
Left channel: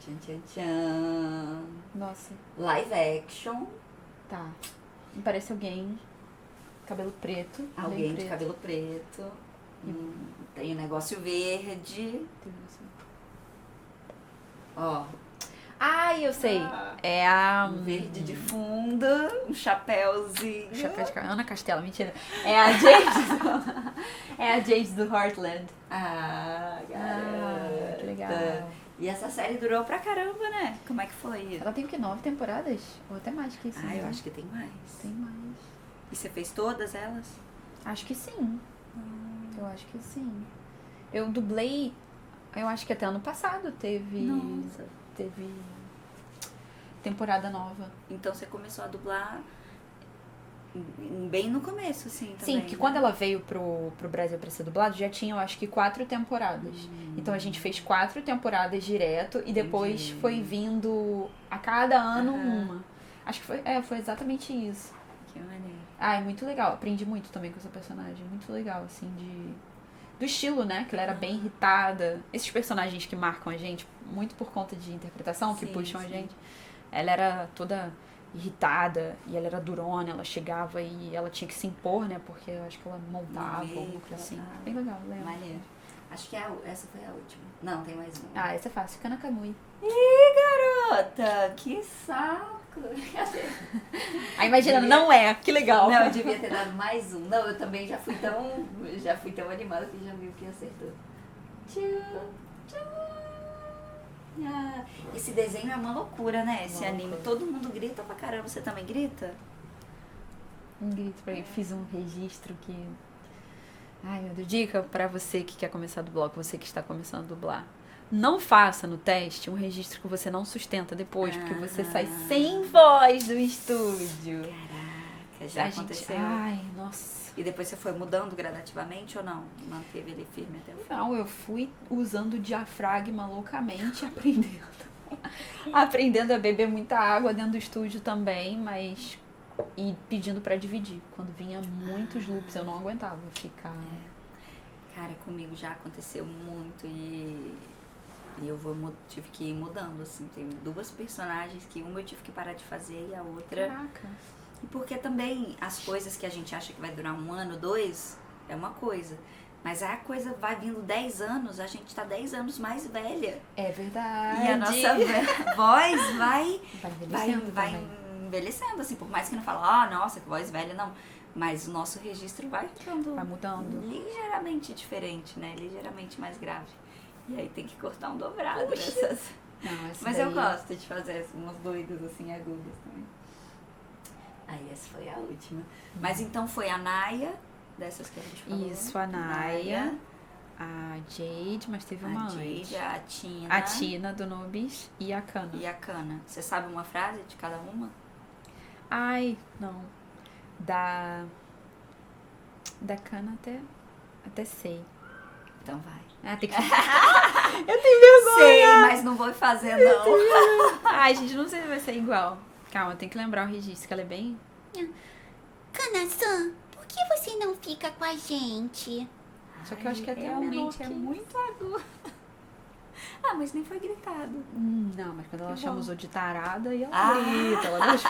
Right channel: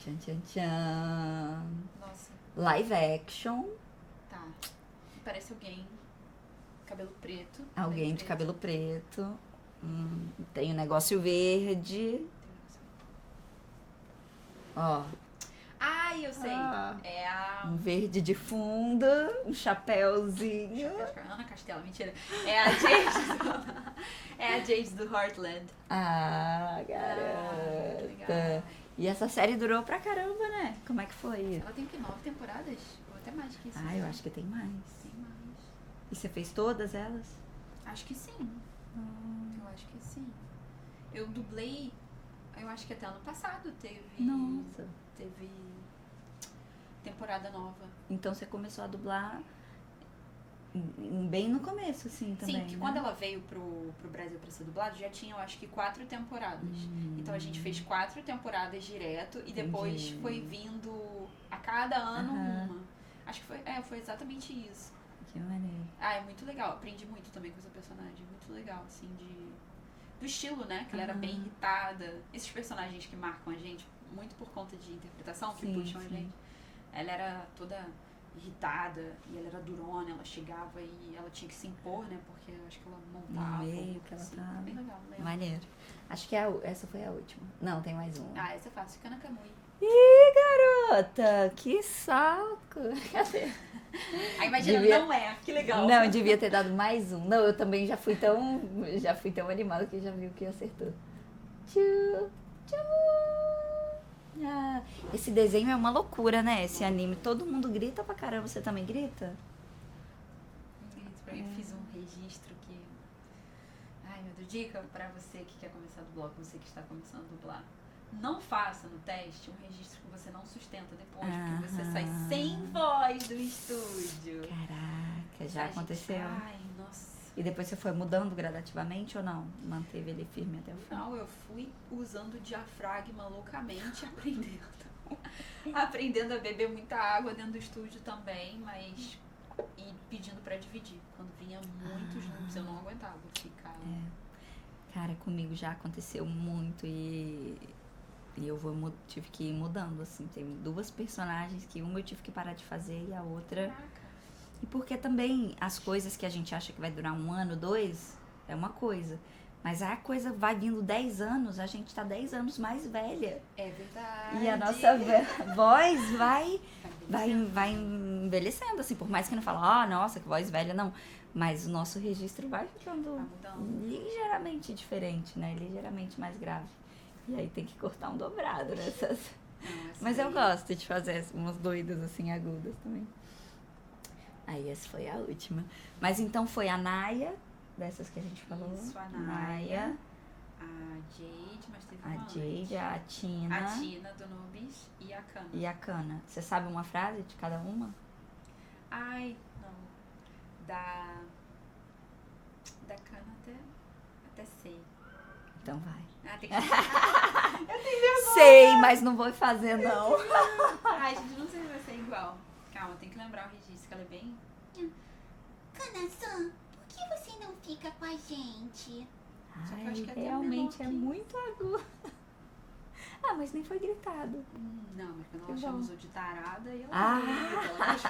Tchan, tchan, tchan. nossa, Live action. tá. Me parece alguém, cabelo preto. bem Alguém de preto. cabelo preto. Tem um negócio verde. Ó. Ai, eu sei. Ah. É a... Um verde de fundo. Um chapéuzinho. Chapéu de Ana Castela, mentira. É a James. É a James do Heartland. Ah, garota. Que legal. E essa série durou pra caramba, né? Como é que foi? Ela tem o que, 9 temporadas? Ou até mais que isso. Ah, né? eu acho que tem mais. Tem mais. E você fez todas elas? Acho que sim. Eu acho que sim. Eu dublei, eu acho que até ano passado teve temporada nova. Então você começou a dublar bem no começo, assim, também. Sim, porque quando ela veio pro Brasil pra ser dublado, já tinha, eu acho que 4 temporadas. Então a gente fez 4 temporadas direto e depois foi vindo a cada ano uma. Acho que foi exatamente isso. Que maneiro. Ah, é muito legal. Aprendi muito também com essa personagem. Muito legal, assim, do estilo, né? Que ela era bem irritada. Esses personagens que marcam a gente, muito por conta de interpretação, que Sim, puxam a sim. gente. Ela era toda irritada e ela era durona, ela chegava e ela tinha que se impor, né? Porque eu acho que ela montava, Não, alguma coisa assim. tava. Bem legal, lembro. Maneiro. Acho que essa foi a última. Não, tem mais uma. Ah, essa é fácil. Fica na Kamui. Ih, garota! Que saco! Ah, imagina, Devia- não é. Que legal. Não, eu devia ter dado mais um. Não, eu também já fui tão animada que já viu que acertou. Tchu, tchu. Ah, esse desenho é uma loucura, né? Esse anime. Todo mundo grita pra caramba. Você também grita? Um grito pra ele. Fiz um registro que... Ai, meu Deus. Dica pra você que quer começar a dublar, você que está começando a dublar. Não faça no teste um registro que você não sustenta depois, porque você sai sem voz do estúdio. Caraca, já A gente- aconteceu. Ai, nossa. E depois você foi mudando gradativamente ou não? Manteve ele firme até o final? Não, eu fui usando o diafragma loucamente, aprendendo a beber muita água dentro do estúdio também, mas... E pedindo pra dividir. Quando vinha muitos loops, eu não aguentava ficar... Cara, comigo já aconteceu muito e tive que ir mudando, assim. Tem 2 personagens que uma eu tive que parar de fazer e a outra... Caraca. E porque também as coisas que a gente acha que vai durar 1 ano, 2, é uma coisa. Mas a coisa vai vindo 10 anos, a gente tá 10 anos mais velha. É verdade. E a nossa voz vai envelhecendo vai também. envelhecendo, assim, por mais que não fala, nossa, que voz velha, não. Mas o nosso registro vai ficando Vai mudando. ligeiramente diferente, né? Ligeiramente mais grave. E aí tem que cortar um dobrado nessas. Não, essa Mas daí- eu gosto de fazer umas doidas, assim, agudas também. Aí essa foi a última. Mas então foi a Naya, dessas que a gente falou. Isso, a Naya, a Jade, mas teve uma a Jade, antes. a Tina. A Tina do Nubis e a Kana. E a Kana. Você sabe uma frase de cada uma? Ai, não. Da Kana até sei. Então vai. Ah, tem que... Sei, mas não vou fazer, não. Ai, gente, não sei se vai ser igual. Calma, tem que lembrar o registro, que ela é bem... Kana-san, por que você não fica com a gente? Só que eu acho que até realmente é aumentou aqui. muito agudo. Ah, mas nem foi gritado. Não, mas quando ela Que chama bom. os outros de tarada, e ela Ah. grita, ela deixa...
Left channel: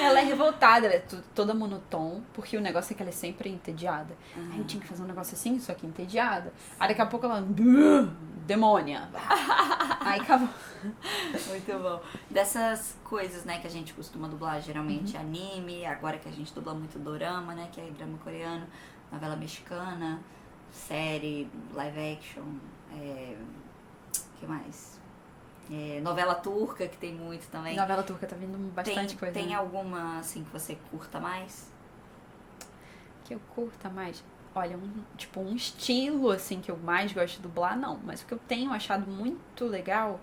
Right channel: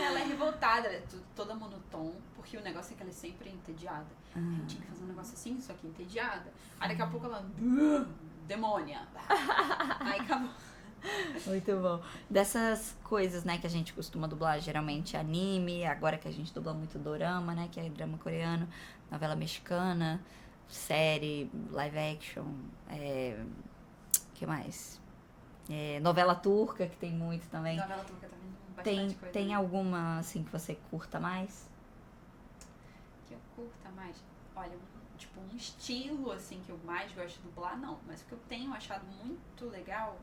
Ela é revoltada, ela é toda monotom, porque o negócio é que ela é sempre entediada. Aí eu tinha que fazer um negócio assim, só que entediada. Aí daqui a pouco ela... Demônia! Aí acabou. Muito bom. Dessas coisas, né, que a gente costuma dublar, geralmente anime, agora que a gente dubla muito dorama, né, que é drama coreano, novela mexicana, série, live action, que mais? Novela turca, que tem muito também. Novela turca tá vindo bastante coisa. Tem né? alguma, assim, que você curta mais? Que eu curta mais. Olha, um estilo, assim, que eu mais gosto de dublar, não. Mas o que eu tenho achado muito legal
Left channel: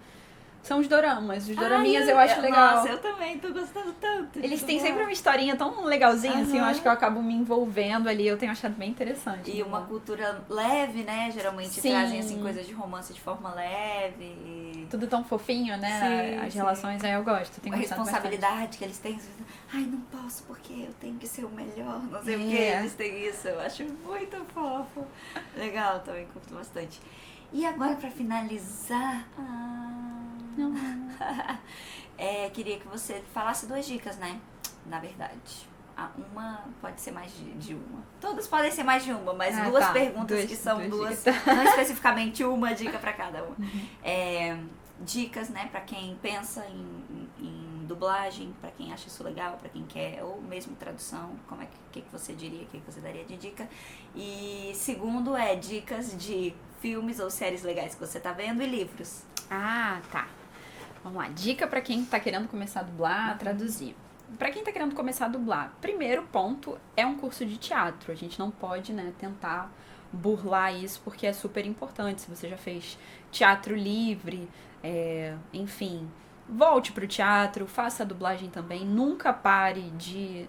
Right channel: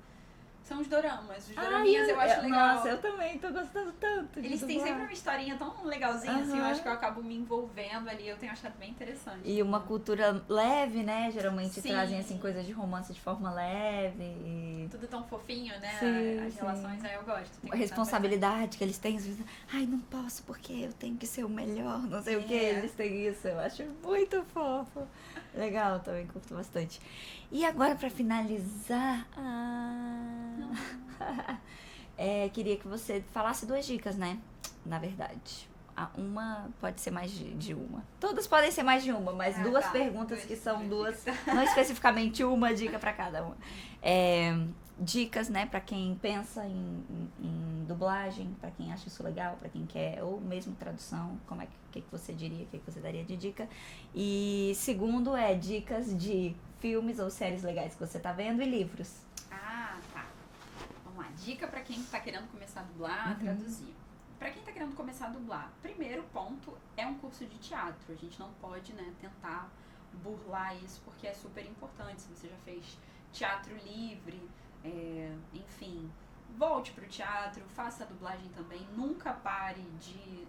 são os doramas. Os doraminhas eu acho legal. Nossa, eu também tô gostando tanto. Eles têm sempre uma historinha tão legalzinha, assim, eu Aham. acho que eu acabo me envolvendo ali, eu tenho achado bem interessante. E uma cultura leve, né? Geralmente Sim. trazem, assim, coisas de romance de forma leve. E Tudo tão fofinho, né? Sim, As sim. relações aí eu gosto. Tenho a gostado responsabilidade que eles têm. Às vezes, ai, não posso porque eu tenho que ser o melhor. Não sei o que. É. Eles têm isso. Eu acho muito fofo. Legal, também curto bastante. E agora, pra finalizar... Não. queria que você falasse 2 dicas, né? Na verdade. Uma pode ser mais de uma. Todas podem ser mais de uma, mas Ah, 2 tá. perguntas que são 2, dicas. não especificamente uma dica pra cada uma. Dicas, né, pra quem pensa em dublagem, pra quem acha isso legal, pra quem quer, ou mesmo tradução, como é que você diria, o que você daria de dica. E segundo dicas de filmes ou séries legais que você tá vendo e livros. Ah, tá. Vamos lá. Dica pra quem tá querendo começar a dublar, Uhum. traduzir. Pra quem tá querendo começar a dublar, primeiro ponto é um curso de teatro. A gente não pode, né, tentar burlar isso porque é super importante. Se você já fez teatro livre, enfim, volte pro teatro, faça a dublagem também. Nunca pare de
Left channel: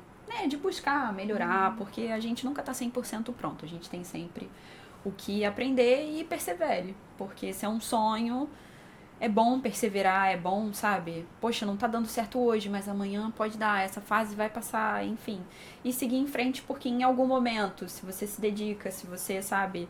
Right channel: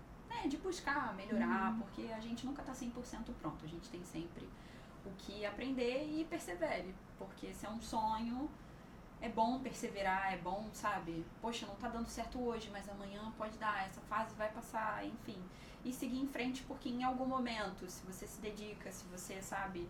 buscar melhorar, porque a gente nunca tá 100% pronto. A gente tem sempre o que aprender e persevere, porque esse é um sonho. É bom perseverar, é bom, sabe? Poxa, não tá dando certo hoje, mas amanhã pode dar, essa fase vai passar, enfim. E seguir em frente, porque em algum momento, se você se dedica, se você, sabe,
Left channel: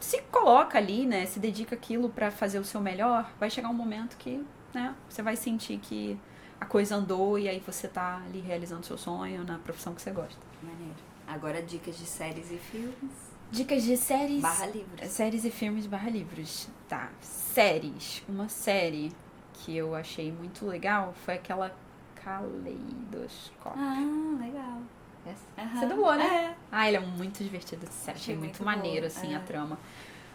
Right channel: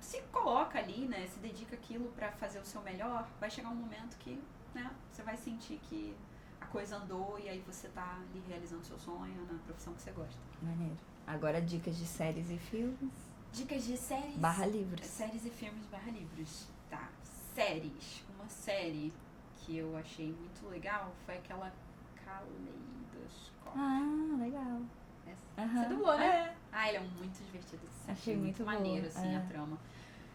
se coloca ali, né? Se dedica aquilo pra fazer o seu melhor, vai chegar um momento que, né? Você vai sentir que a coisa andou e aí você tá ali realizando seu sonho na profissão que você gosta. Maneiro. Agora dicas de séries e filmes. Dicas de séries... /livros. Séries e filmes /livros. Tá. Séries. Uma série que eu achei muito legal foi aquela Caleidoscópio. Legal. Essa. Você dublou, né? Ah, ele é muito divertido. Achei muito muito maneiro, boa, assim, a trama.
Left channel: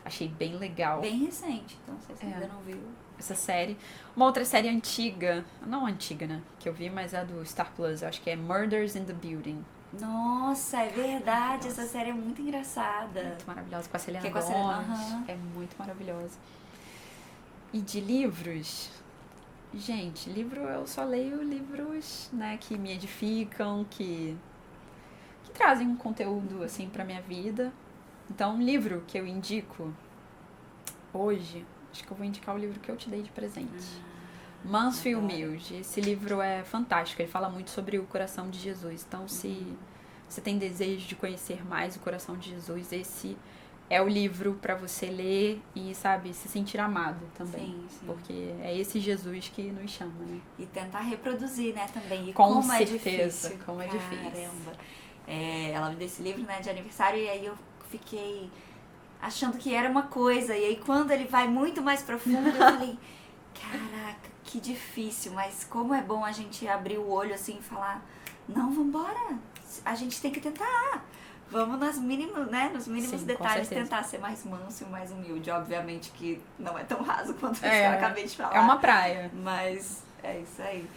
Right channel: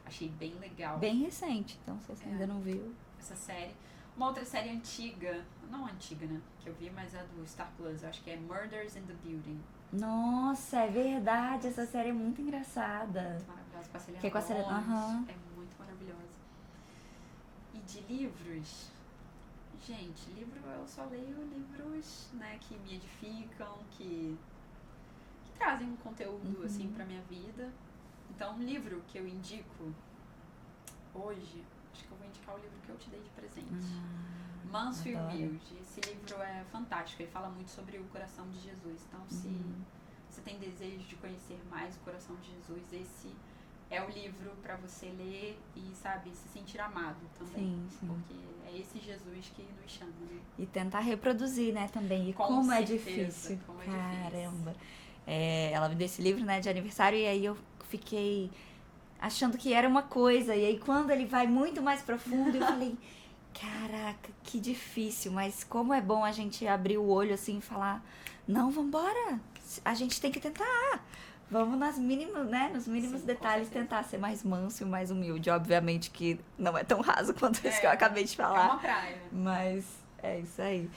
Achei bem legal Bem recente, então se você ainda não viu. essa série. Uma outra série antiga, não antiga, né? Que eu vi, mas é do Star Plus. Eu acho que é Murders in the Building. Nossa, é verdade, essa série é muito engraçada. Muito maravilhosa. Com a Selena Que é com a Selena, Gomez. aham. É muito maravilhosa. E de livros... Gente, livro, eu só leio livros, né, que me edificam, que trazem um conteúdo, assim, pra minha vida. Então, um livro que eu indico hoje, acho que eu vou indicar o livro que eu te dei de presente. Mansfield Mills. Esse livro é fantástico, ele fala muito sobre o coração de Jesus. Então, se você tem desejo de conhecer mais o coração de Jesus, esse é o livro pra você ler e, sabe, se sentir amado também. Sim, sim. Porque é esse Jesus que nos chama, né? E tentar reproduzir, né, também. E Com como certeza, é difícil. como é difícil. Caramba. Ela me deu esse livro, né, de aniversário, e aí eu fiquei achando que era uma coisa. E aí quando ele vai muito mais profundo, eu falei, Caraca, que difícil, mas como é bom a gente abrir o olho assim e falar, não, vambora, a gente tem que tentar. Vamos nas mínimas, né? Nos mínimos Sim, detalhes com certeza. tentar ser mais manso e mais humilde. Obviamente que não é tão raso quanto isso que eu acabei de falar. É uma praia. Mas é isso aí.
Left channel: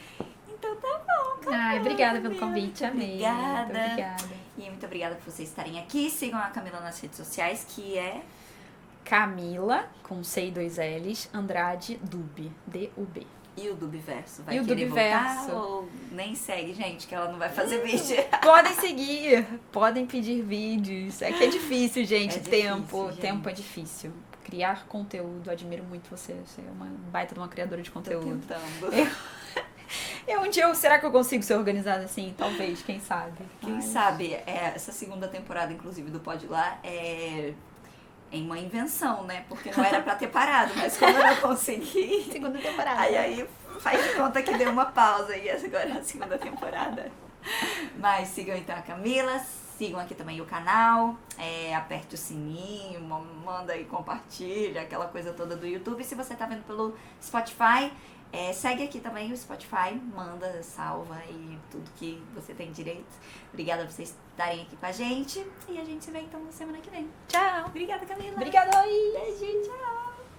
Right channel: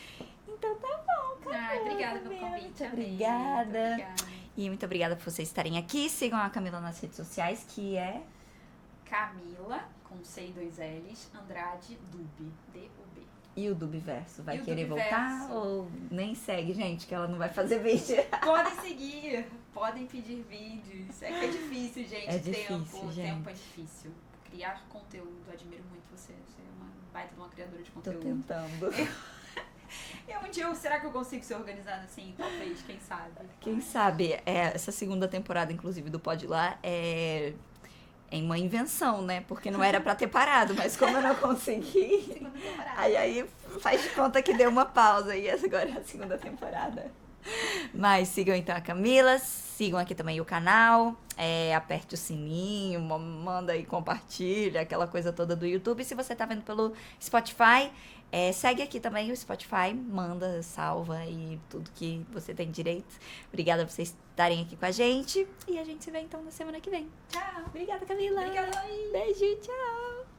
Então tá bom, Camila. Ai, obrigada pelo Camila, convite, muito amei. obrigada. Muito obrigada. E muito obrigada por vocês estarem aqui. Sigam a Camila nas redes sociais, que é Camila, com C e 2 L's, Andrade Dub, D-U-B. e o Dubverso. Vai E o querer Dubverso. voltar ou nem segue, gente, que ela não vai fazer vídeo. Podem seguir, podem pedir vídeos. É que é difícil, gente. É difícil, tempo, gente. tempo é difícil. Criar conteúdo, admiro muito você. Você é uma baita de uma criadora de Tô conteúdo. tentando. Será que eu consigo ser organizada assim? Talvez, quem sabe. Quem Mas- sabe, essa segunda temporada, inclusive, do Pode Lá, é uma invenção, né? Porque não era pra ter parado, mas como eu não consegui, Segunda temporada. aí faz de conta que deu uma pausa e essa agora é a segunda temporada. Mas sigam então a Camila, sigam aqui também o canal, aperte o sininho, manda aí, compartilha, aquela coisa toda do YouTube. Se você tá vendo pelo Spotify, segue aqui também o Spotify, manda, salva e tudo que você tem direito. Obrigada por vocês estarem aqui com a gente e a gente se vê então na semana que vem. Tchau! Obrigada, Camila! Obrigada aí. Beijo, tchau!